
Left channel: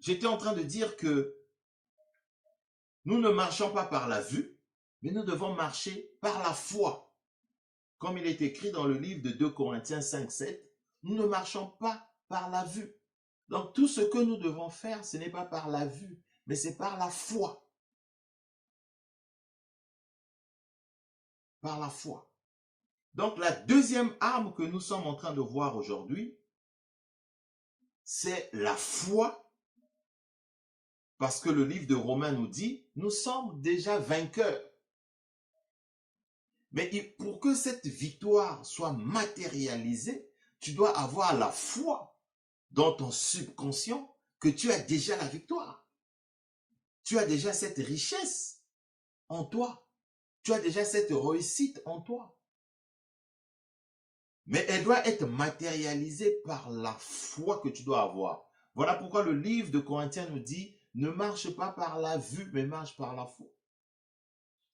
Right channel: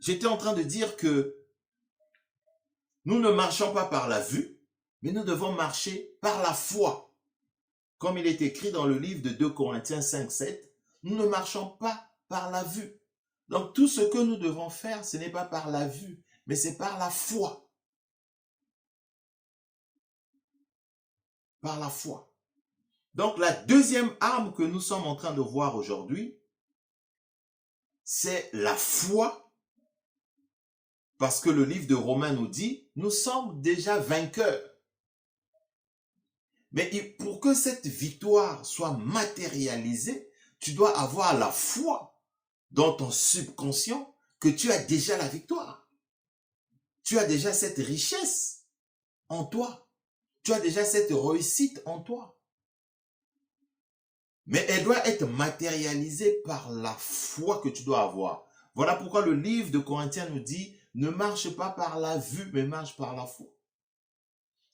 j'étais en train de dire que nous ne marchons pas par la vue, mais nous devons marcher par la foi. Comme il est écrit dans le livre de 2 Corinthiens 5, 7, nous ne marchons pas par la vue. Donc tout ce que nous devons faire, ce n'est pas par la vue, mais c'est par la foi. Par la foi. Donc la deuxième arme que nous sommes en train de voir aujourd'hui, c'est la foi. Parce que le livre de Romains nous dit, nous sommes déjà vainqueurs. Mais pour que cette victoire soit matérialisée, tu dois avoir la foi dans ton subconscient que tu as déjà la victoire. Tu as déjà cette richesse en toi. Tu as déjà cette réussite en toi. Mais elle doit être matérialisée par la foi que tu dois avoir. Voilà pourquoi le livre de Corinthiens nous dit, ne marche pas par la vue, mais marche par la foi.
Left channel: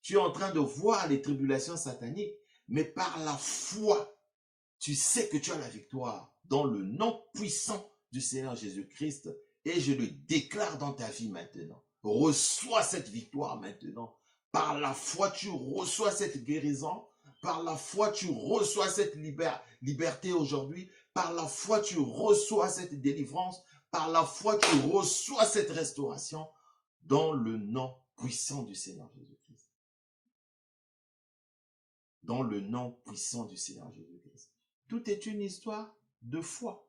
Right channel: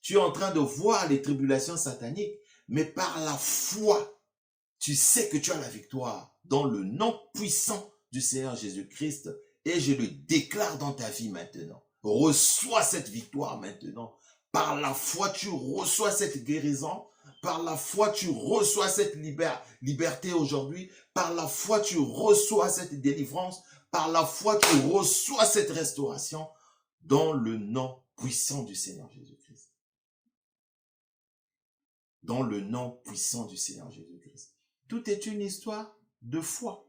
Tu es en train de voir les tribulations sataniques, mais par la foi, tu sais que tu as la victoire dans le nom puissant du Seigneur Jésus-Christ. Et je le déclare dans ta vie maintenant. Reçois cette victoire maintenant. Par la foi, tu reçois cette guérison. Par la foi, tu reçois cette liberté aujourd'hui. Par la foi, tu reçois cette délivrance. Par la foi, tu reçois cette restauration dans le nom puissant du Seigneur Jésus-Christ. Dans le nom puissant du Seigneur Jésus-Christ. Tout est une histoire de foi.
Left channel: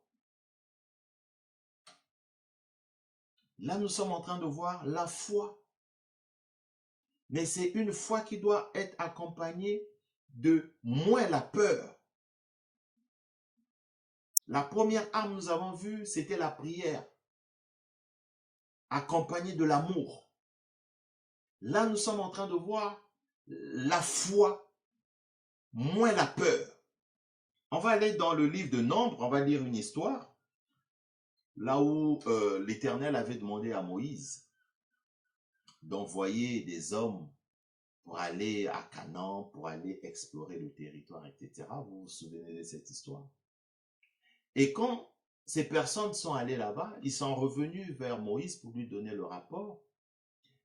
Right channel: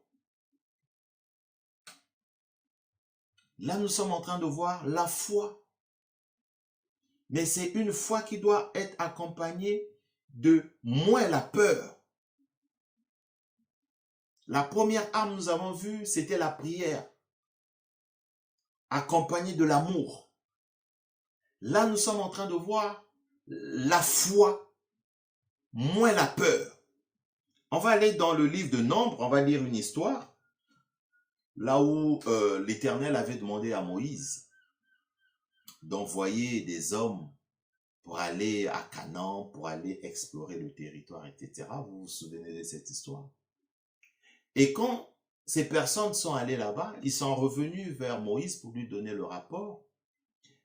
Là, nous sommes en train de voir la foi. Mais c'est une foi qui doit être accompagnée de moins la peur. La première arme, nous avons vu, c'était la prière, accompagnée de l'amour. Là, nous sommes en train de voir la foi, moins la peur. On va aller dans le livre de Nombres, on va lire une histoire, là où l'Éternel avait demandé à Moïse d'envoyer des hommes pour aller à Canaan, pour aller explorer le territoire, etc. Vous vous souvenez de cette histoire? Et quand ces personnes sont allées là-bas, ils sont revenus vers Moïse pour lui donner le rapport,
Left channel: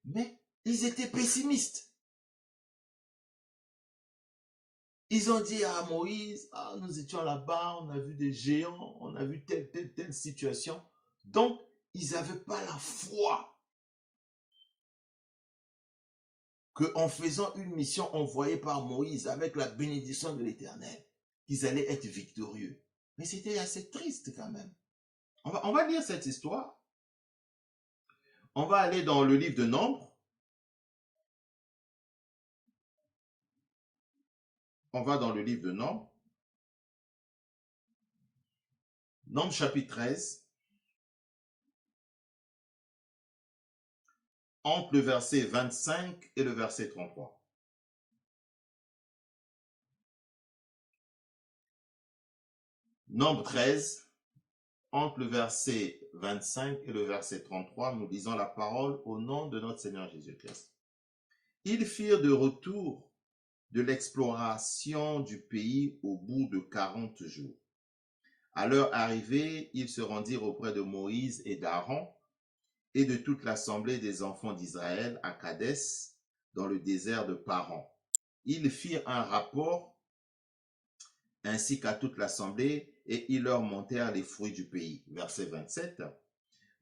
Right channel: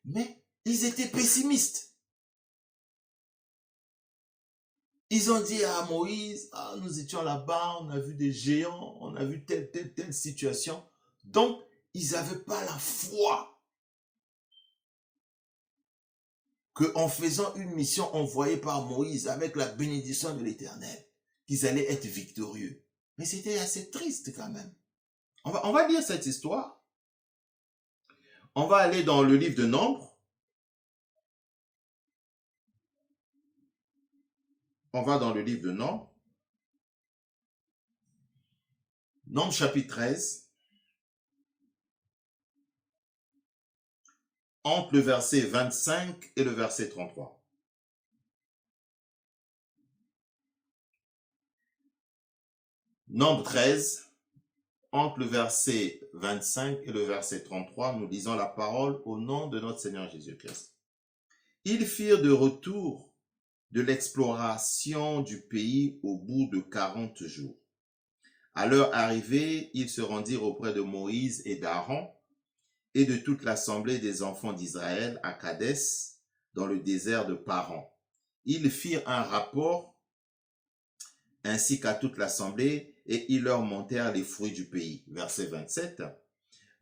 mais ils étaient pessimistes. Ils ont dit à Moïse, ah, nous étions là-bas, on a vu des géants, on a vu telle situation. Donc, ils n'avaient pas la foi qu'en faisant une mission envoyée par Moïse avec la bénédiction de l'Éternel, qu'ils allaient être victorieux. Mais c'était assez triste quand même. On va lire cette histoire. On va aller dans le livre de Nombres. On va dans le livre de Nombres. Nombres chapitre 13. Entre le verset 25 et le verset 33. Nombre 13, entre le verset 25 et le verset 33, nous lisons la parole au nom de notre Seigneur Jésus-Christ. Ils firent de retour de l'exploration du pays au bout de 40 jours. À leur arrivée, ils se rendirent auprès de Moïse et d'Aaron et de toute l'assemblée des enfants d'Israël à Kadès, dans le désert de Paran. Ils firent un rapport ainsi qu'à toute l'assemblée, et ils leur montèrent les fruits du pays. Verset 27.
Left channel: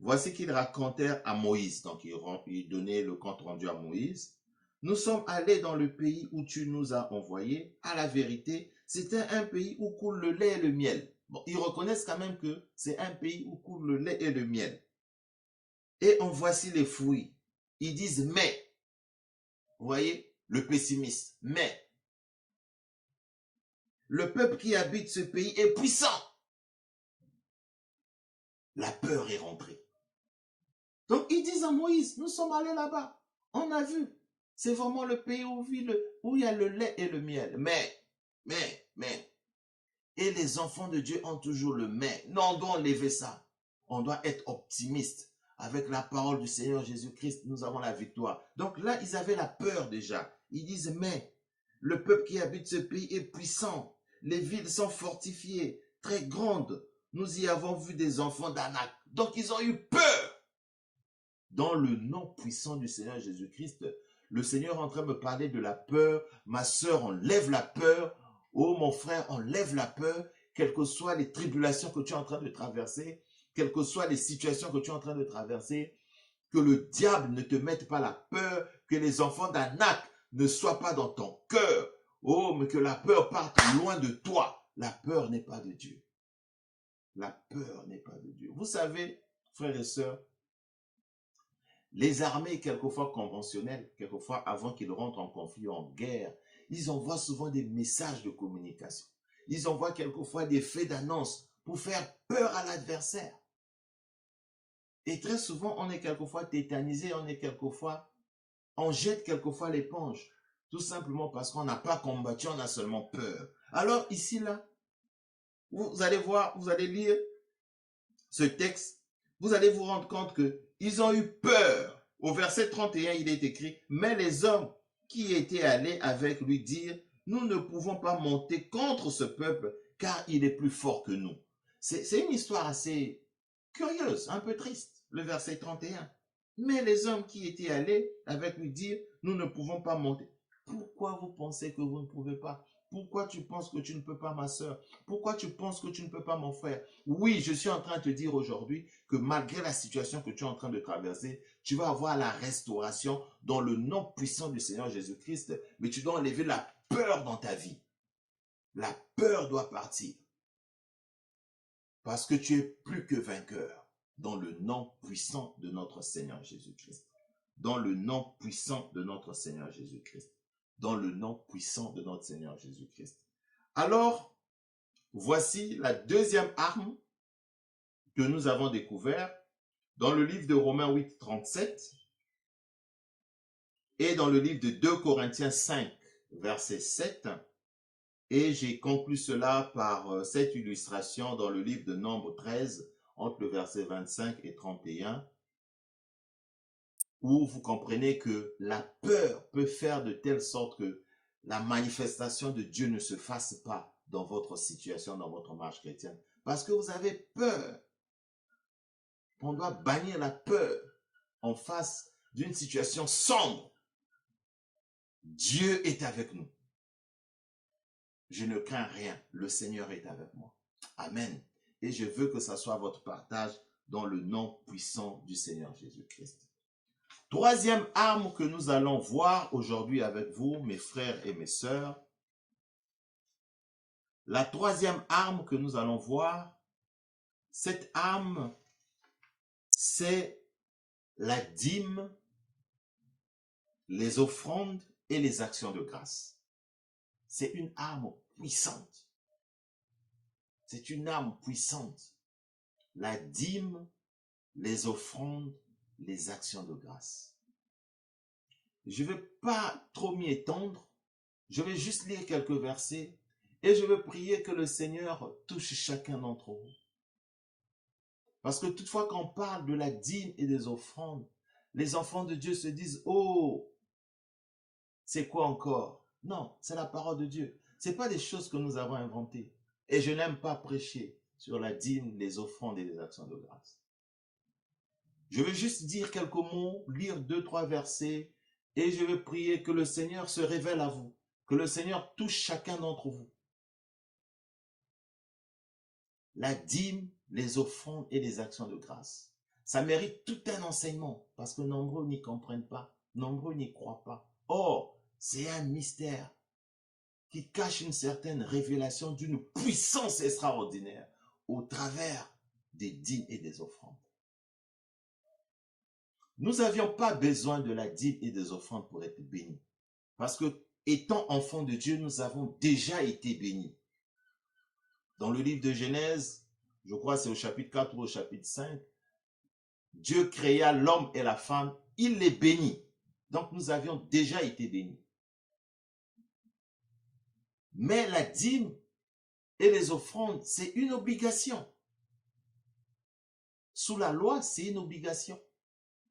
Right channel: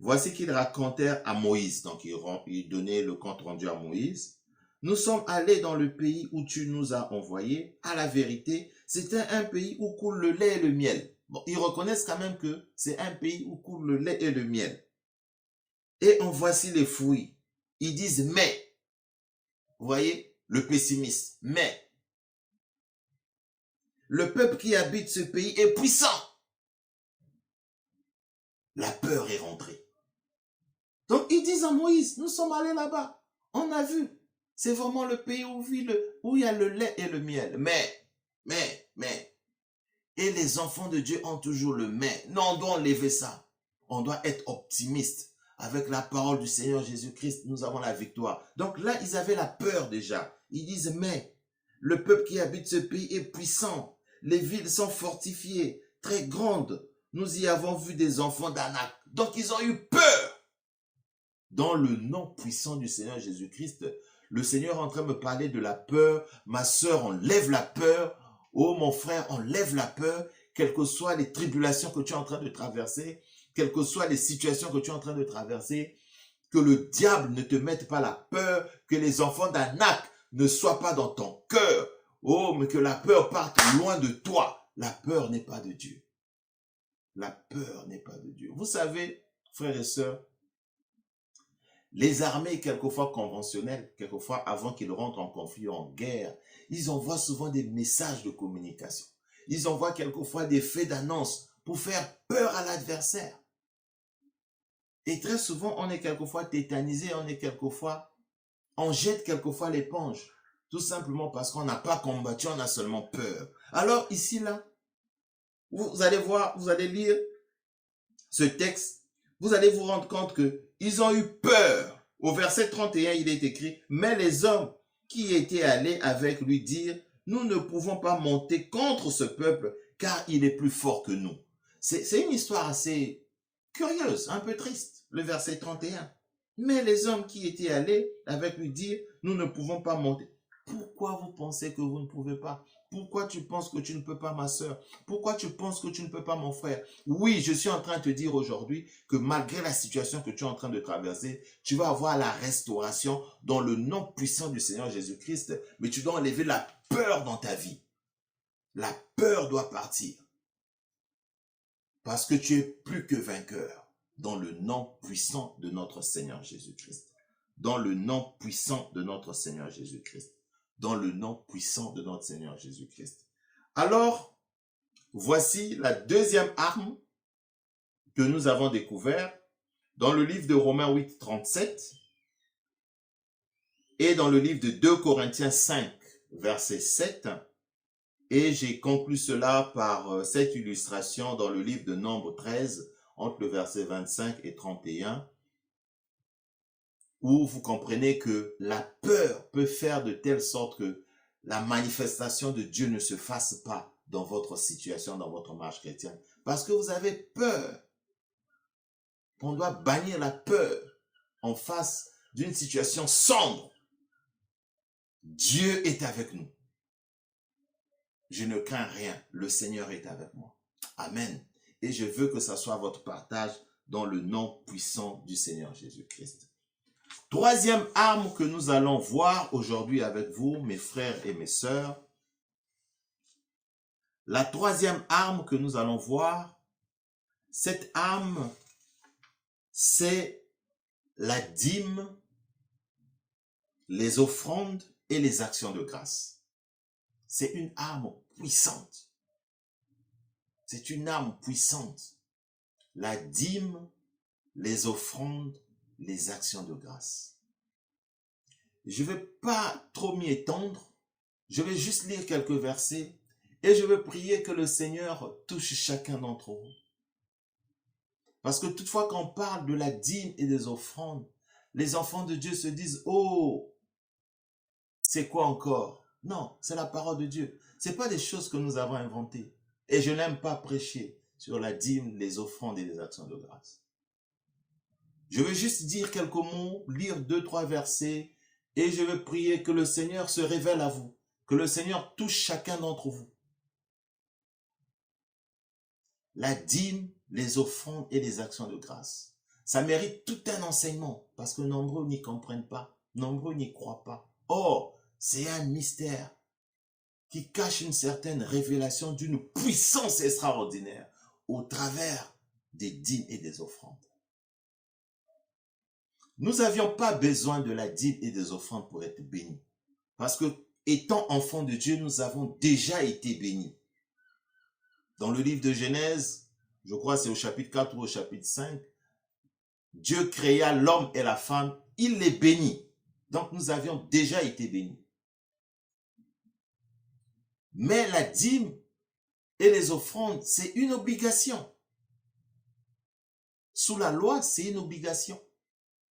Voici qu'ils racontèrent à Moïse, donc ils donnaient le compte rendu à Moïse. Nous sommes allés dans le pays où tu nous as envoyés. À la vérité, c'était un pays où coule le lait et le miel. Bon, ils reconnaissent quand même que c'est un pays où coule le lait et le miel. Et en voici les fruits. Ils disent mais. Vous voyez, le pessimiste. Mais le peuple qui habite ce pays est puissant. La peur est rentrée. Donc ils disent à Moïse, nous sommes allés là-bas. On a vu. C'est vraiment le pays où il y a le lait et le miel. Mais. Et les enfants de Dieu ont toujours le mais. Non, on doit enlever ça. On doit être optimiste. Avec la parole du Seigneur Jésus-Christ, nous avons la victoire. Donc là, ils avaient la peur déjà. Ils disent, mais le peuple qui habite ce pays est puissant. Les villes sont fortifiées, très grandes. Nous y avons vu des enfants d'Anak. Donc ils ont eu peur. Dans le nom puissant du Seigneur Jésus-Christ, le Seigneur est en train de me parler de la peur. Ma sœur, enlève la peur. Oh mon frère, enlève la peur. Quelles que soient les tribulations que tu es en train de traverser, quelles que soient les situations que tu es en train de traverser, que le diable ne te mette pas la peur, que les enfants d'Anak ne soient pas dans ton cœur. Oh, mais que la peur parte loin de toi. La peur n'est pas de Dieu. La peur n'est pas de Dieu. Vous savez, frères et sœurs, les armées, quelquefois conventionnelles, quelquefois avant qu'ils rentrent en conflit ou en guerre, ils envoient souvent des messages de communication. Ils envoient quelquefois des faits d'annonce pour faire peur à l'adversaire. Et très souvent, on est quelquefois tétanisé, on jette quelquefois l'éponge. Tout simplement parce qu'on n'a pas combattu, on a seulement peur. Alors ici, là, vous allez voir, vous allez lire ce texte, vous allez vous rendre compte qu'ils ont eu peur. Au verset 31, il est écrit, mais les hommes qui étaient allés avec lui dirent, nous ne pouvons pas monter contre ce peuple, car il est plus fort que nous. C'est une histoire assez curieuse, un peu triste, le verset 31. Mais les hommes qui étaient allés avec lui dirent, nous ne pouvons pas monter. Pourquoi vous pensez que vous ne pouvez pas? Pourquoi tu penses que tu ne peux pas, ma soeur? Pourquoi tu penses que tu ne peux pas, mon frère? Oui, je suis en train de te dire aujourd'hui que malgré la situation que tu es en train de traverser, tu vas avoir la restauration dans le nom puissant du Seigneur Jésus-Christ, mais tu dois enlever la peur dans ta vie. La peur doit partir. Parce que tu es plus que vainqueur dans le nom puissant de notre Seigneur Jésus-Christ. Dans le nom puissant de notre Seigneur Jésus-Christ. Dans le nom puissant de notre Seigneur Jésus-Christ. Alors, voici la deuxième arme que nous avons découverte dans le livre de Romains 8, 37 et dans le livre de 2 Corinthiens 5, verset 7. Et j'ai conclu cela par cette illustration dans le livre de Nombre 13, entre le verset 25 et 31, où vous comprenez que la peur peut faire de telle sorte que la manifestation de Dieu ne se fasse pas dans votre situation, dans votre marche chrétienne. Parce que vous avez peur. On doit bannir la peur en face d'une situation sombre. Dieu est avec nous. Je ne crains rien. Le Seigneur est avec moi. Amen. Et je veux que ça soit votre partage dans le nom puissant du Seigneur Jésus-Christ. Troisième arme que nous allons voir aujourd'hui avec vous, mes frères et mes sœurs, La troisième arme que nous allons voir, cette arme, c'est la dîme, les offrandes et les actions de grâce. C'est une arme puissante. C'est une arme puissante. La dîme, les offrandes, les actions de grâce. Je ne vais pas trop m'y étendre. Je vais juste lire quelques versets et je vais prier que le Seigneur touche chacun d'entre vous. Parce que toutefois, quand on parle de la dîme et des offrandes, les enfants de Dieu se disent, oh, c'est quoi encore? Non, c'est la parole de Dieu. Ce n'est pas des choses que nous avons inventées. Et je n'aime pas prêcher sur la dîme, les offrandes et les actions de grâce. Je vais juste dire quelques mots, lire 2-3 versets, et je vais prier que le Seigneur se révèle à vous, que le Seigneur touche chacun d'entre vous. La dîme, les offrandes et les actions de grâce. Ça mérite tout un enseignement, parce que nombreux n'y comprennent pas, nombreux n'y croient pas. Or, c'est un mystère qui cache une certaine révélation d'une puissance extraordinaire au travers des dîmes et des offrandes. Nous n'avions pas besoin de la dîme et des offrandes pour être bénis. Parce que, étant enfants de Dieu, nous avons déjà été bénis. Dans le livre de Genèse, je crois que c'est au chapitre 4 ou au chapitre 5, Dieu créa l'homme et la femme, il les bénit. Donc nous avions déjà été bénis. Mais la dîme et les offrandes, c'est une obligation. Sous la loi, c'est une obligation.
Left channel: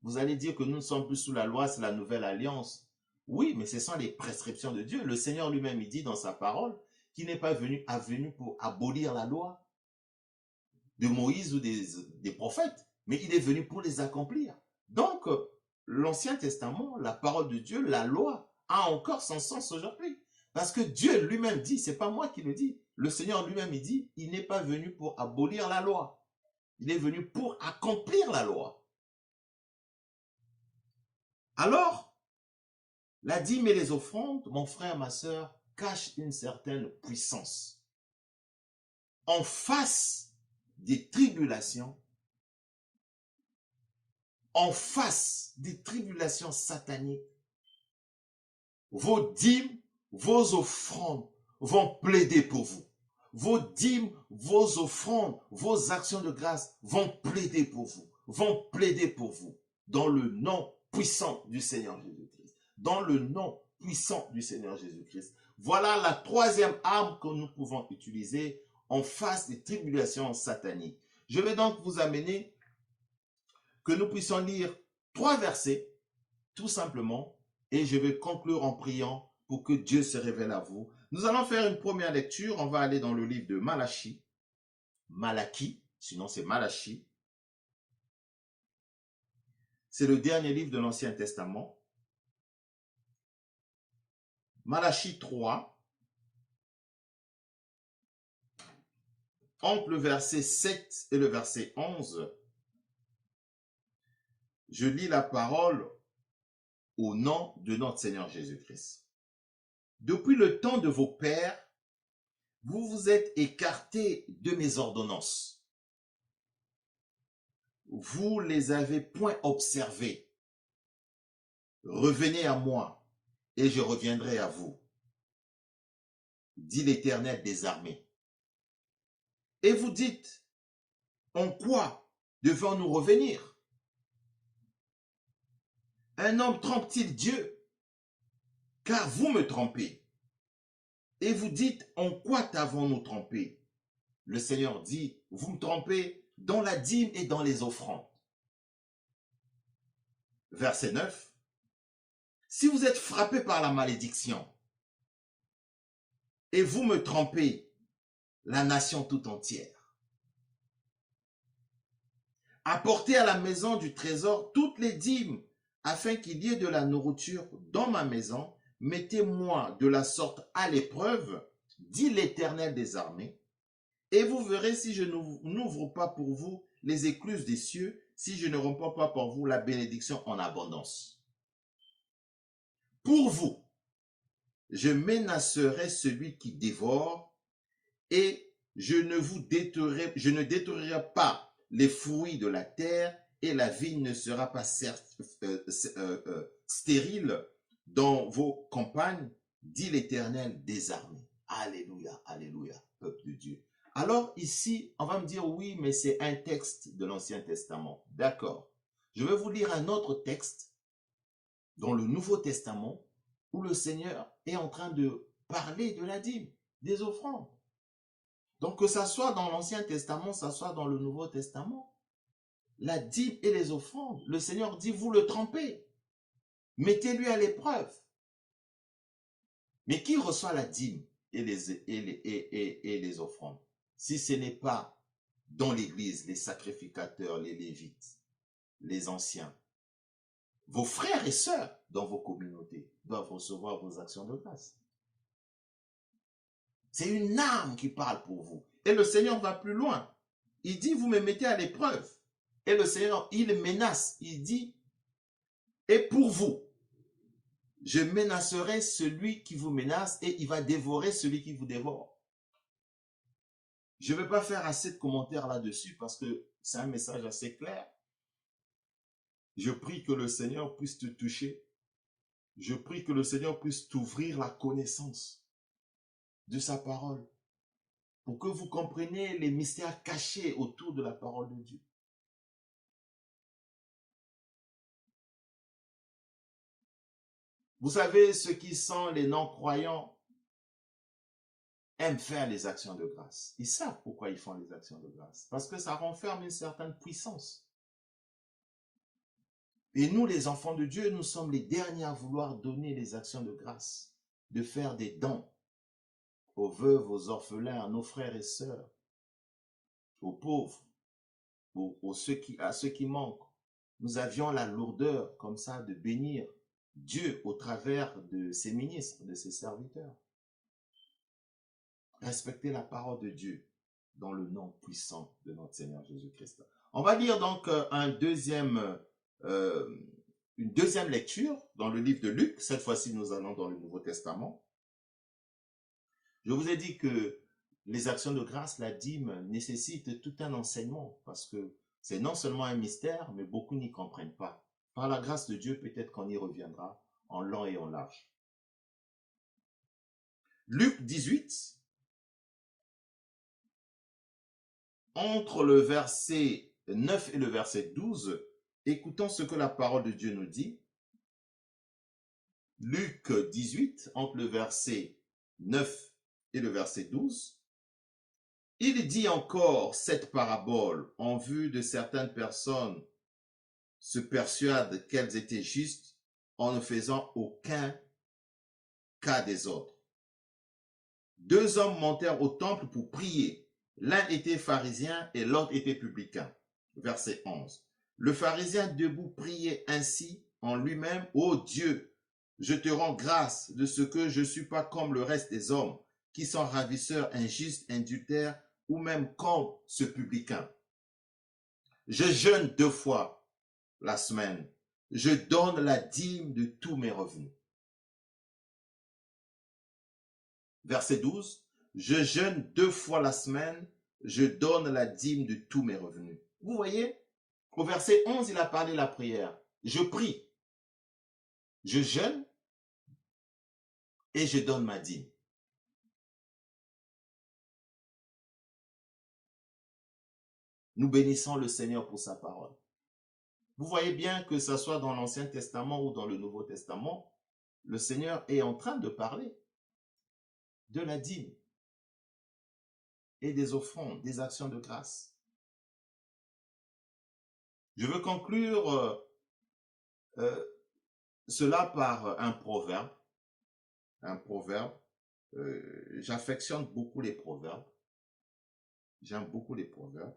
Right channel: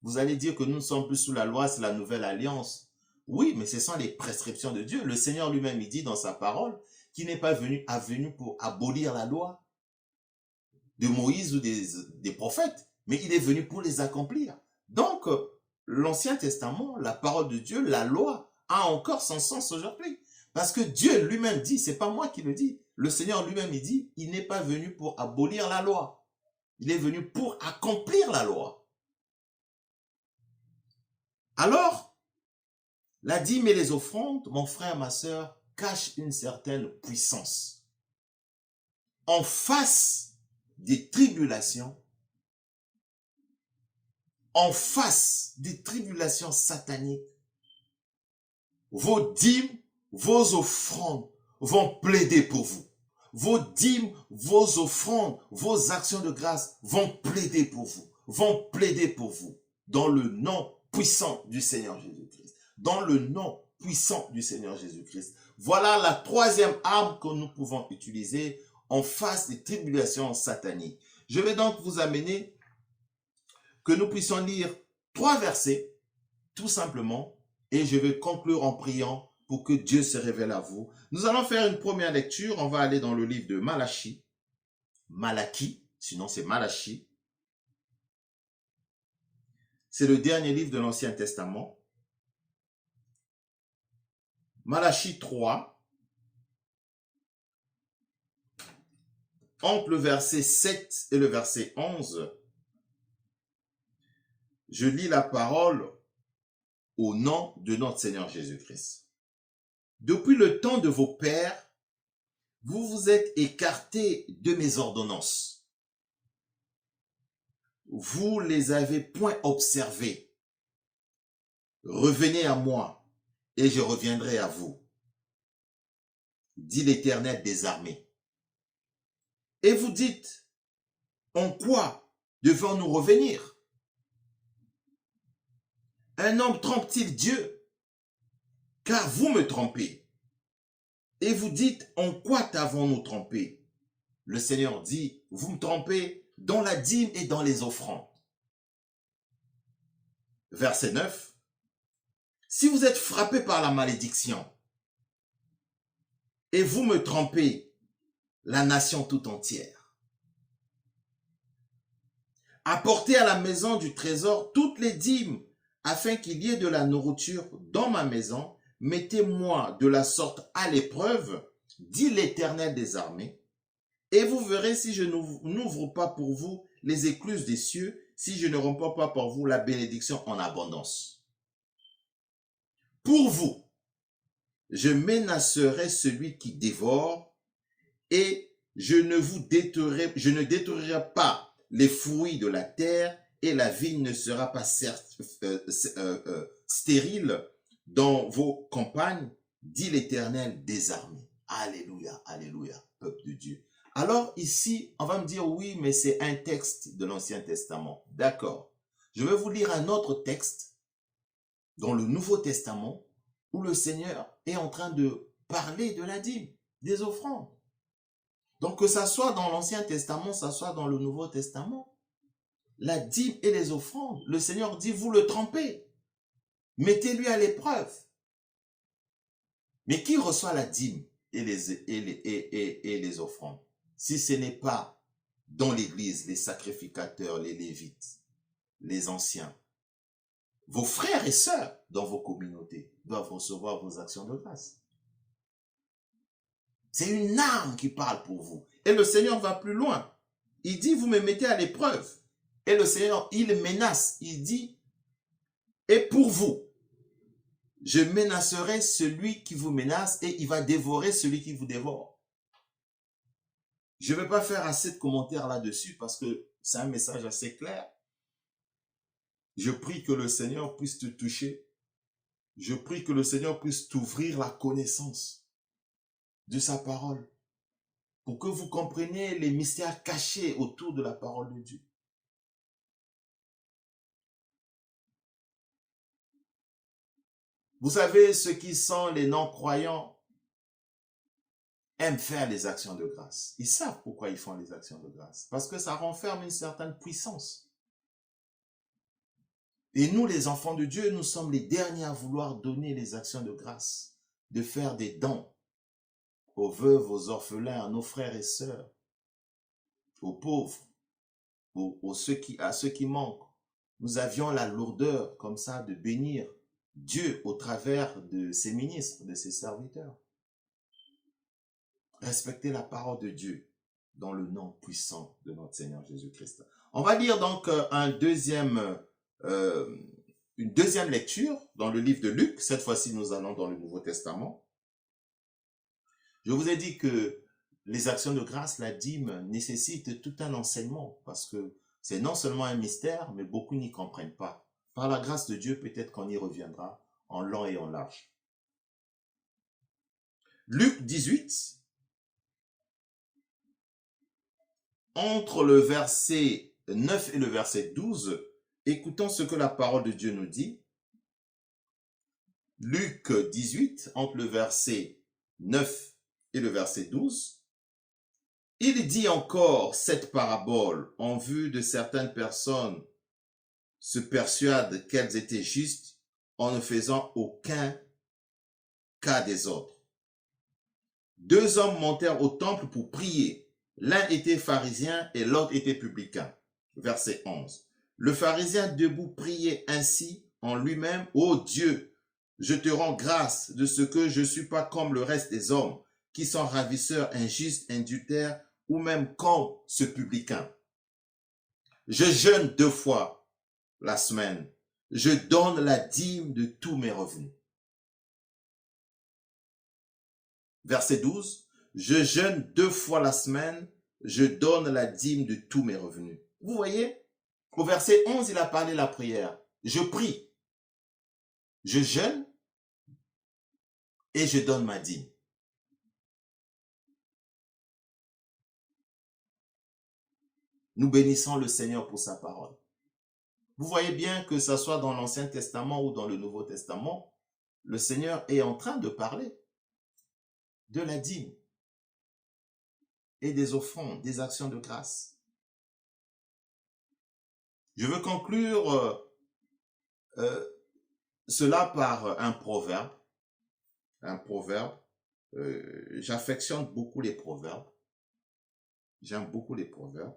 Vous allez dire que nous ne sommes plus sous la loi, c'est la nouvelle alliance. Oui, mais ce sont les prescriptions de Dieu. Le Seigneur lui-même, il dit dans sa parole qu'il n'est pas venu pour abolir la loi de Moïse ou des prophètes, mais il est venu pour les accomplir. Donc, l'Ancien Testament, la parole de Dieu, la loi, a encore son sens aujourd'hui. Parce que Dieu lui-même dit, c'est pas moi qui le dis, le Seigneur lui-même, il dit, il n'est pas venu pour abolir la loi. Il est venu pour accomplir la loi. Alors, la dîme et les offrandes, mon frère, ma sœur, cachent une certaine puissance. En face des tribulations, en face des tribulations sataniques, vos dîmes, vos offrandes vont plaider pour vous. Vos dîmes, vos offrandes, vos actions de grâce vont plaider pour vous. Vont plaider pour vous. Dans le nom puissant du Seigneur Jésus-Christ. Dans le nom puissant du Seigneur Jésus-Christ. Voilà la troisième arme que nous pouvons utiliser en face des tribulations sataniques. Je vais donc vous amener que nous puissions lire 3 versets, tout simplement, et je vais conclure en priant pour que Dieu se révèle à vous. Nous allons faire une première lecture. On va aller dans le livre de Malachie, sinon c'est Malachie. C'est le dernier livre de l'Ancien Testament. Malachie 3, entre le verset 7 et le verset 11, je lis la parole au nom de notre Seigneur Jésus-Christ. Depuis le temps de vos pères, vous vous êtes écartés de mes ordonnances. Vous les avez point observées. Revenez à moi, et je reviendrai à vous, dit l'Éternel des armées. Et vous dites, en quoi devons-nous revenir? Un homme trompe-t-il Dieu? Car vous me trompez. Et vous dites, en quoi t'avons-nous trompé? Le Seigneur dit, vous me trompez dans la dîme et dans les offrandes. Verset 9. Si vous êtes frappé par la malédiction, et vous me trompez, la nation tout entière. Apportez à la maison du trésor toutes les dîmes, afin qu'il y ait de la nourriture dans ma maison. Mettez-moi de la sorte à l'épreuve, dit l'Éternel des armées, et vous verrez si je n'ouvre pas pour vous les écluses des cieux, si je ne romps pas pour vous la bénédiction en abondance. Pour vous, je menacerai celui qui dévore, et je ne détruirai pas les fruits de la terre, et la vigne ne sera pas stérile dans vos campagnes, dit l'Éternel des armées. Alléluia, alléluia, peuple de Dieu. Alors ici, on va me dire, oui, mais c'est un texte de l'Ancien Testament. D'accord. Je vais vous lire un autre texte dans le Nouveau Testament où le Seigneur est en train de parler de la dîme, des offrandes. Donc que ça soit dans l'Ancien Testament, ça soit dans le Nouveau Testament, la dîme et les offrandes, le Seigneur dit, vous le trempez, mettez-lui à l'épreuve. Mais qui reçoit la dîme et les offrandes? Si ce n'est pas dans l'Église, les sacrificateurs, les Lévites, les anciens, vos frères et sœurs dans vos communautés doivent recevoir vos actions de grâce. C'est une arme qui parle pour vous. Et le Seigneur va plus loin. Il dit, vous me mettez à l'épreuve. Et le Seigneur, il menace. Il dit, et pour vous, je menacerai celui qui vous menace et il va dévorer celui qui vous dévore. Je ne vais pas faire assez de commentaires là-dessus parce que c'est un message assez clair. Je prie que le Seigneur puisse te toucher. Je prie que le Seigneur puisse t'ouvrir la connaissance de sa parole pour que vous compreniez les mystères cachés autour de la parole de Dieu. Vous savez, ceux qui sont les non-croyants aiment faire les actions de grâce. Ils savent pourquoi ils font les actions de grâce. Parce que ça renferme une certaine puissance. Et nous, les enfants de Dieu, nous sommes les derniers à vouloir donner les actions de grâce, de faire des dons aux veuves, aux orphelins, à nos frères et sœurs, aux pauvres, à ceux qui manquent. Nous avions la lourdeur comme ça de bénir Dieu au travers de ses ministres, de ses serviteurs. Respectez la parole de Dieu dans le nom puissant de notre Seigneur Jésus-Christ. On va lire donc une deuxième lecture dans le livre de Luc. Cette fois-ci, nous allons dans le Nouveau Testament. Je vous ai dit que les actions de grâce, la dîme, nécessitent tout un enseignement parce que c'est non seulement un mystère, mais beaucoup n'y comprennent pas. Par la grâce de Dieu, peut-être qu'on y reviendra en long et en large. Luc 18, entre le verset 9 et le verset 12, écoutons ce que la parole de Dieu nous dit. Luc 18, entre le verset 9 et le verset 12, il dit encore cette parabole en vue de certaines personnes se persuadent qu'elles étaient justes en ne faisant aucun cas des autres. 2 hommes montèrent au temple pour prier. L'un était pharisien et l'autre était publicain. Verset 11. Le pharisien debout priait ainsi en lui-même, « Ô Dieu, je te rends grâce de ce que je ne suis pas comme le reste des hommes, qui sont ravisseurs, injustes, adultères, ou même comme ce publicain. Je jeûne 2 fois la semaine. Je donne la dîme de tous mes revenus. » Verset 12. Je jeûne 2 fois la semaine. Je donne la dîme de tous mes revenus. Vous voyez, au verset 11, il a parlé de la prière. Je prie. Je jeûne et je donne ma dîme. Nous bénissons le Seigneur pour sa parole. Vous voyez bien que ce soit dans l'Ancien Testament ou dans le Nouveau Testament, le Seigneur est en train de parler de la dîme et des offrandes, des actions de grâce. Je veux conclure cela par un proverbe. Un proverbe. J'affectionne beaucoup les proverbes. J'aime beaucoup les proverbes.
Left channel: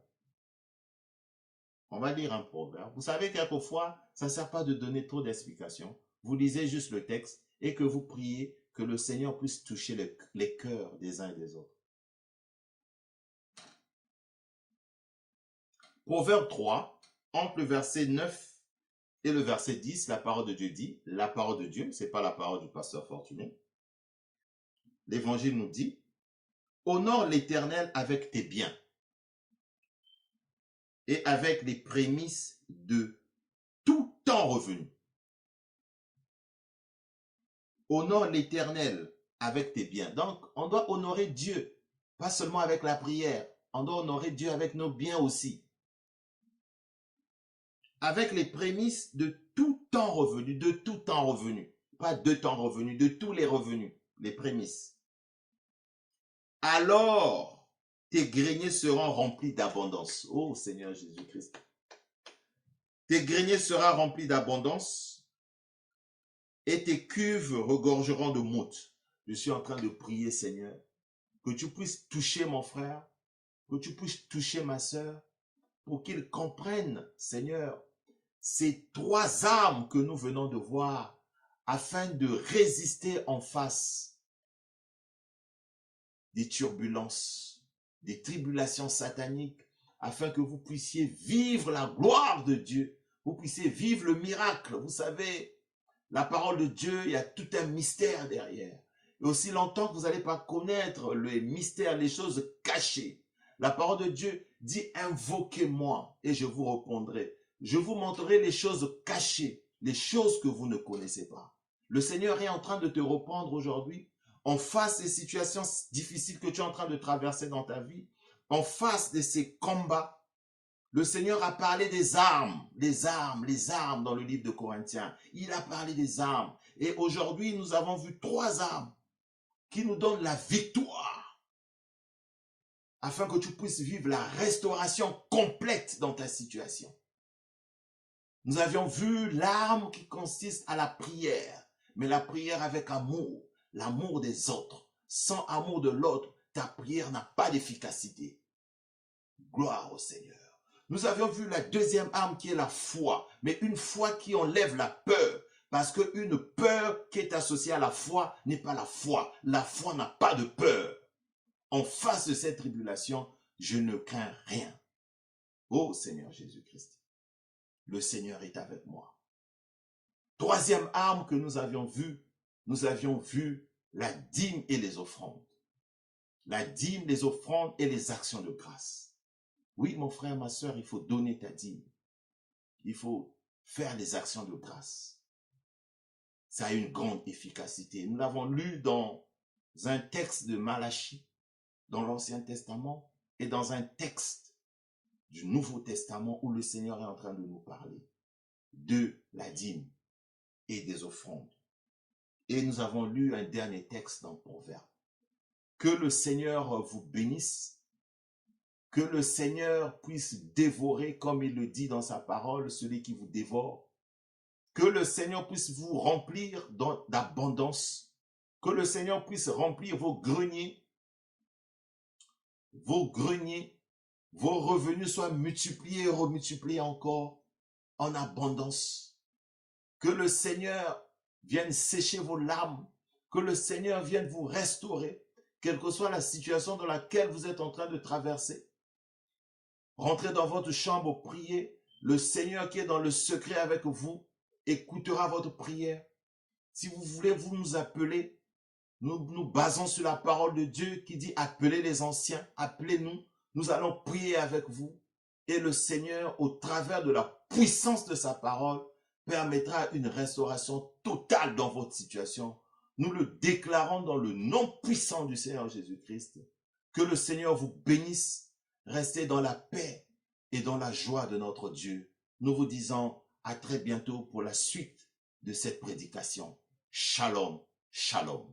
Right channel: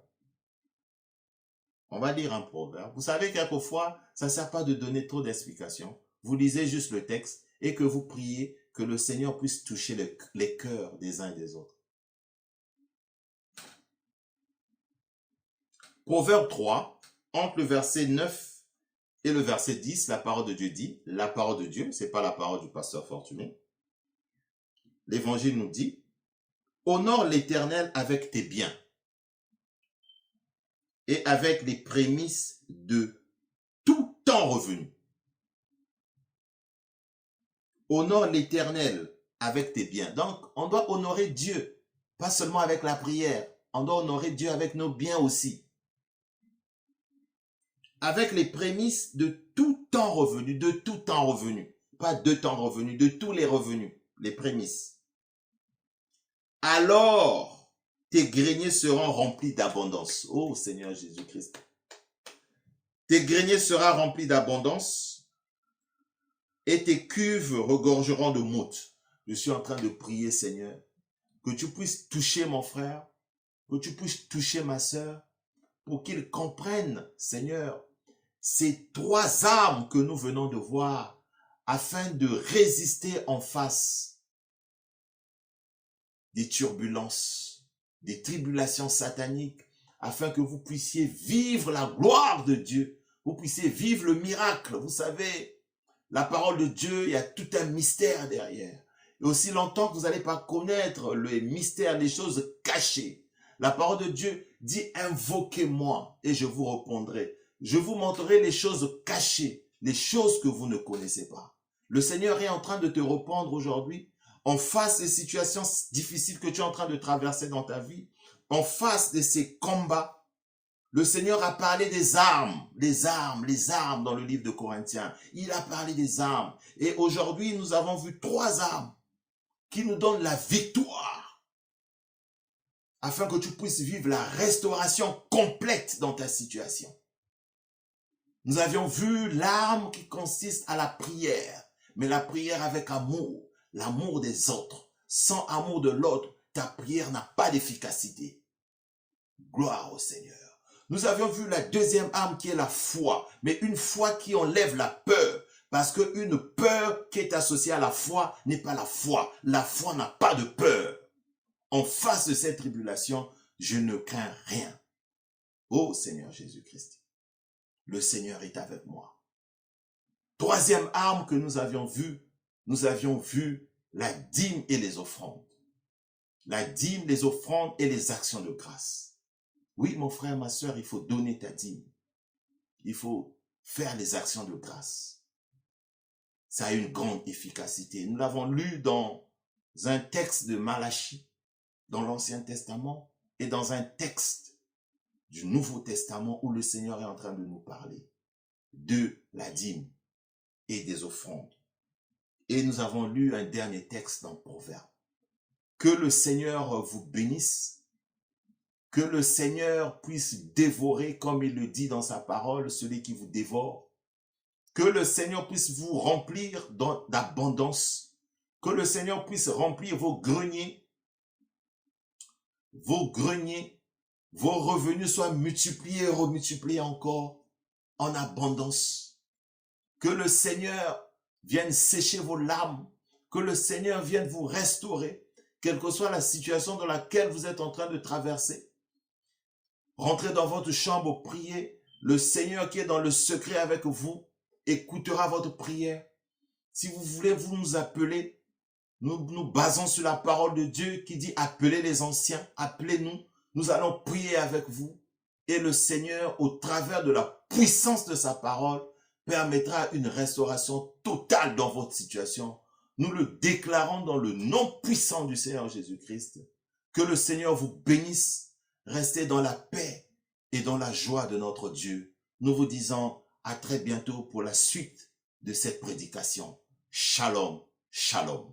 On va lire un proverbe. Vous savez, quelquefois, ça ne sert pas de donner trop d'explications. Vous lisez juste le texte et que vous priez que le Seigneur puisse toucher les cœurs des uns et des autres. Proverbe 3, entre le verset 9 et le verset 10, la parole de Dieu dit, la parole de Dieu, ce n'est pas la parole du pasteur Fortuné. L'évangile nous dit, Honore l'Éternel avec tes biens et avec les prémices de tout temps revenu. Honore l'Éternel avec tes biens. Donc, on doit honorer Dieu, pas seulement avec la prière. On doit honorer Dieu avec nos biens aussi. Avec les prémices de tout temps revenu, de tout temps revenu. Pas de temps revenu, de tous les revenus, les prémices. Alors, tes greniers seront remplis d'abondance. Oh Seigneur Jésus-Christ. Tes greniers seront remplis d'abondance et tes cuves regorgeront de moutes. Je suis en train de prier, Seigneur, que tu puisses toucher mon frère, que tu puisses toucher ma sœur, pour qu'ils comprennent, Seigneur, ces trois armes que nous venons de voir, afin de résister en face des turbulences, des tribulations sataniques, afin que vous puissiez vivre la gloire de Dieu, vous puissiez vivre le miracle. Vous savez, la parole de Dieu, il y a tout un mystère derrière. Et aussi longtemps que vous n'allez pas connaître le mystère, les choses cachées, la parole de Dieu dit « Invoquez-moi et je vous répondrai ». Je vous montrerai les choses cachées, les choses que vous ne connaissez pas. Le Seigneur est en train de te répondre aujourd'hui, en face des situations difficiles que tu es en train de traverser dans ta vie, en face de ces combats. Le Seigneur a parlé des armes, les armes dans le livre de Corinthiens. Il a parlé des armes. Et aujourd'hui, nous avons vu trois armes qui nous donnent la victoire, afin que tu puisses vivre la restauration complète dans ta situation. Nous avions vu l'arme qui consiste à la prière, mais la prière avec amour, l'amour des autres. Sans amour de l'autre, ta prière n'a pas d'efficacité. Gloire au Seigneur. Nous avions vu la deuxième arme qui est la foi, mais une foi qui enlève la peur, parce qu'une peur qui est associée à la foi n'est pas la foi. La foi n'a pas de peur. En face de cette tribulation, je ne crains rien. Ô Seigneur Jésus-Christ, le Seigneur est avec moi. Troisième arme que nous avions vu la dîme et les offrandes. La dîme, les offrandes et les actions de grâce. Oui, mon frère, ma soeur, il faut donner ta dîme. Il faut faire les actions de grâce. Ça a une grande efficacité. Nous l'avons lu dans un texte de Malachie, dans l'Ancien Testament, et dans un texte du Nouveau Testament où le Seigneur est en train de nous parler de la dîme et des offrandes. Et nous avons lu un dernier texte dans Proverbes. Que le Seigneur vous bénisse, que le Seigneur puisse dévorer, comme il le dit dans sa parole, celui qui vous dévore. Que le Seigneur puisse vous remplir d'abondance. Que le Seigneur puisse remplir vos greniers, vos revenus soient multipliés et remultipliés encore en abondance. Que le Seigneur vienne sécher vos larmes, que le Seigneur vienne vous restaurer, quelle que soit la situation dans laquelle vous êtes en train de traverser. Rentrez dans votre chambre, priez. Le Seigneur qui est dans le secret avec vous écoutera votre prière. Si vous voulez, vous nous appelez. Nous nous basons sur la parole de Dieu qui dit appelez les anciens, appelez-nous. Nous allons prier avec vous. Et le Seigneur, au travers de la puissance de sa parole, permettra une restauration totale dans votre situation. Nous le déclarons dans le nom puissant du Seigneur Jésus-Christ. Que le Seigneur vous bénisse. Restez dans la paix et dans la joie de notre Dieu. Nous vous disons à très bientôt pour la suite de cette prédication. Shalom, shalom.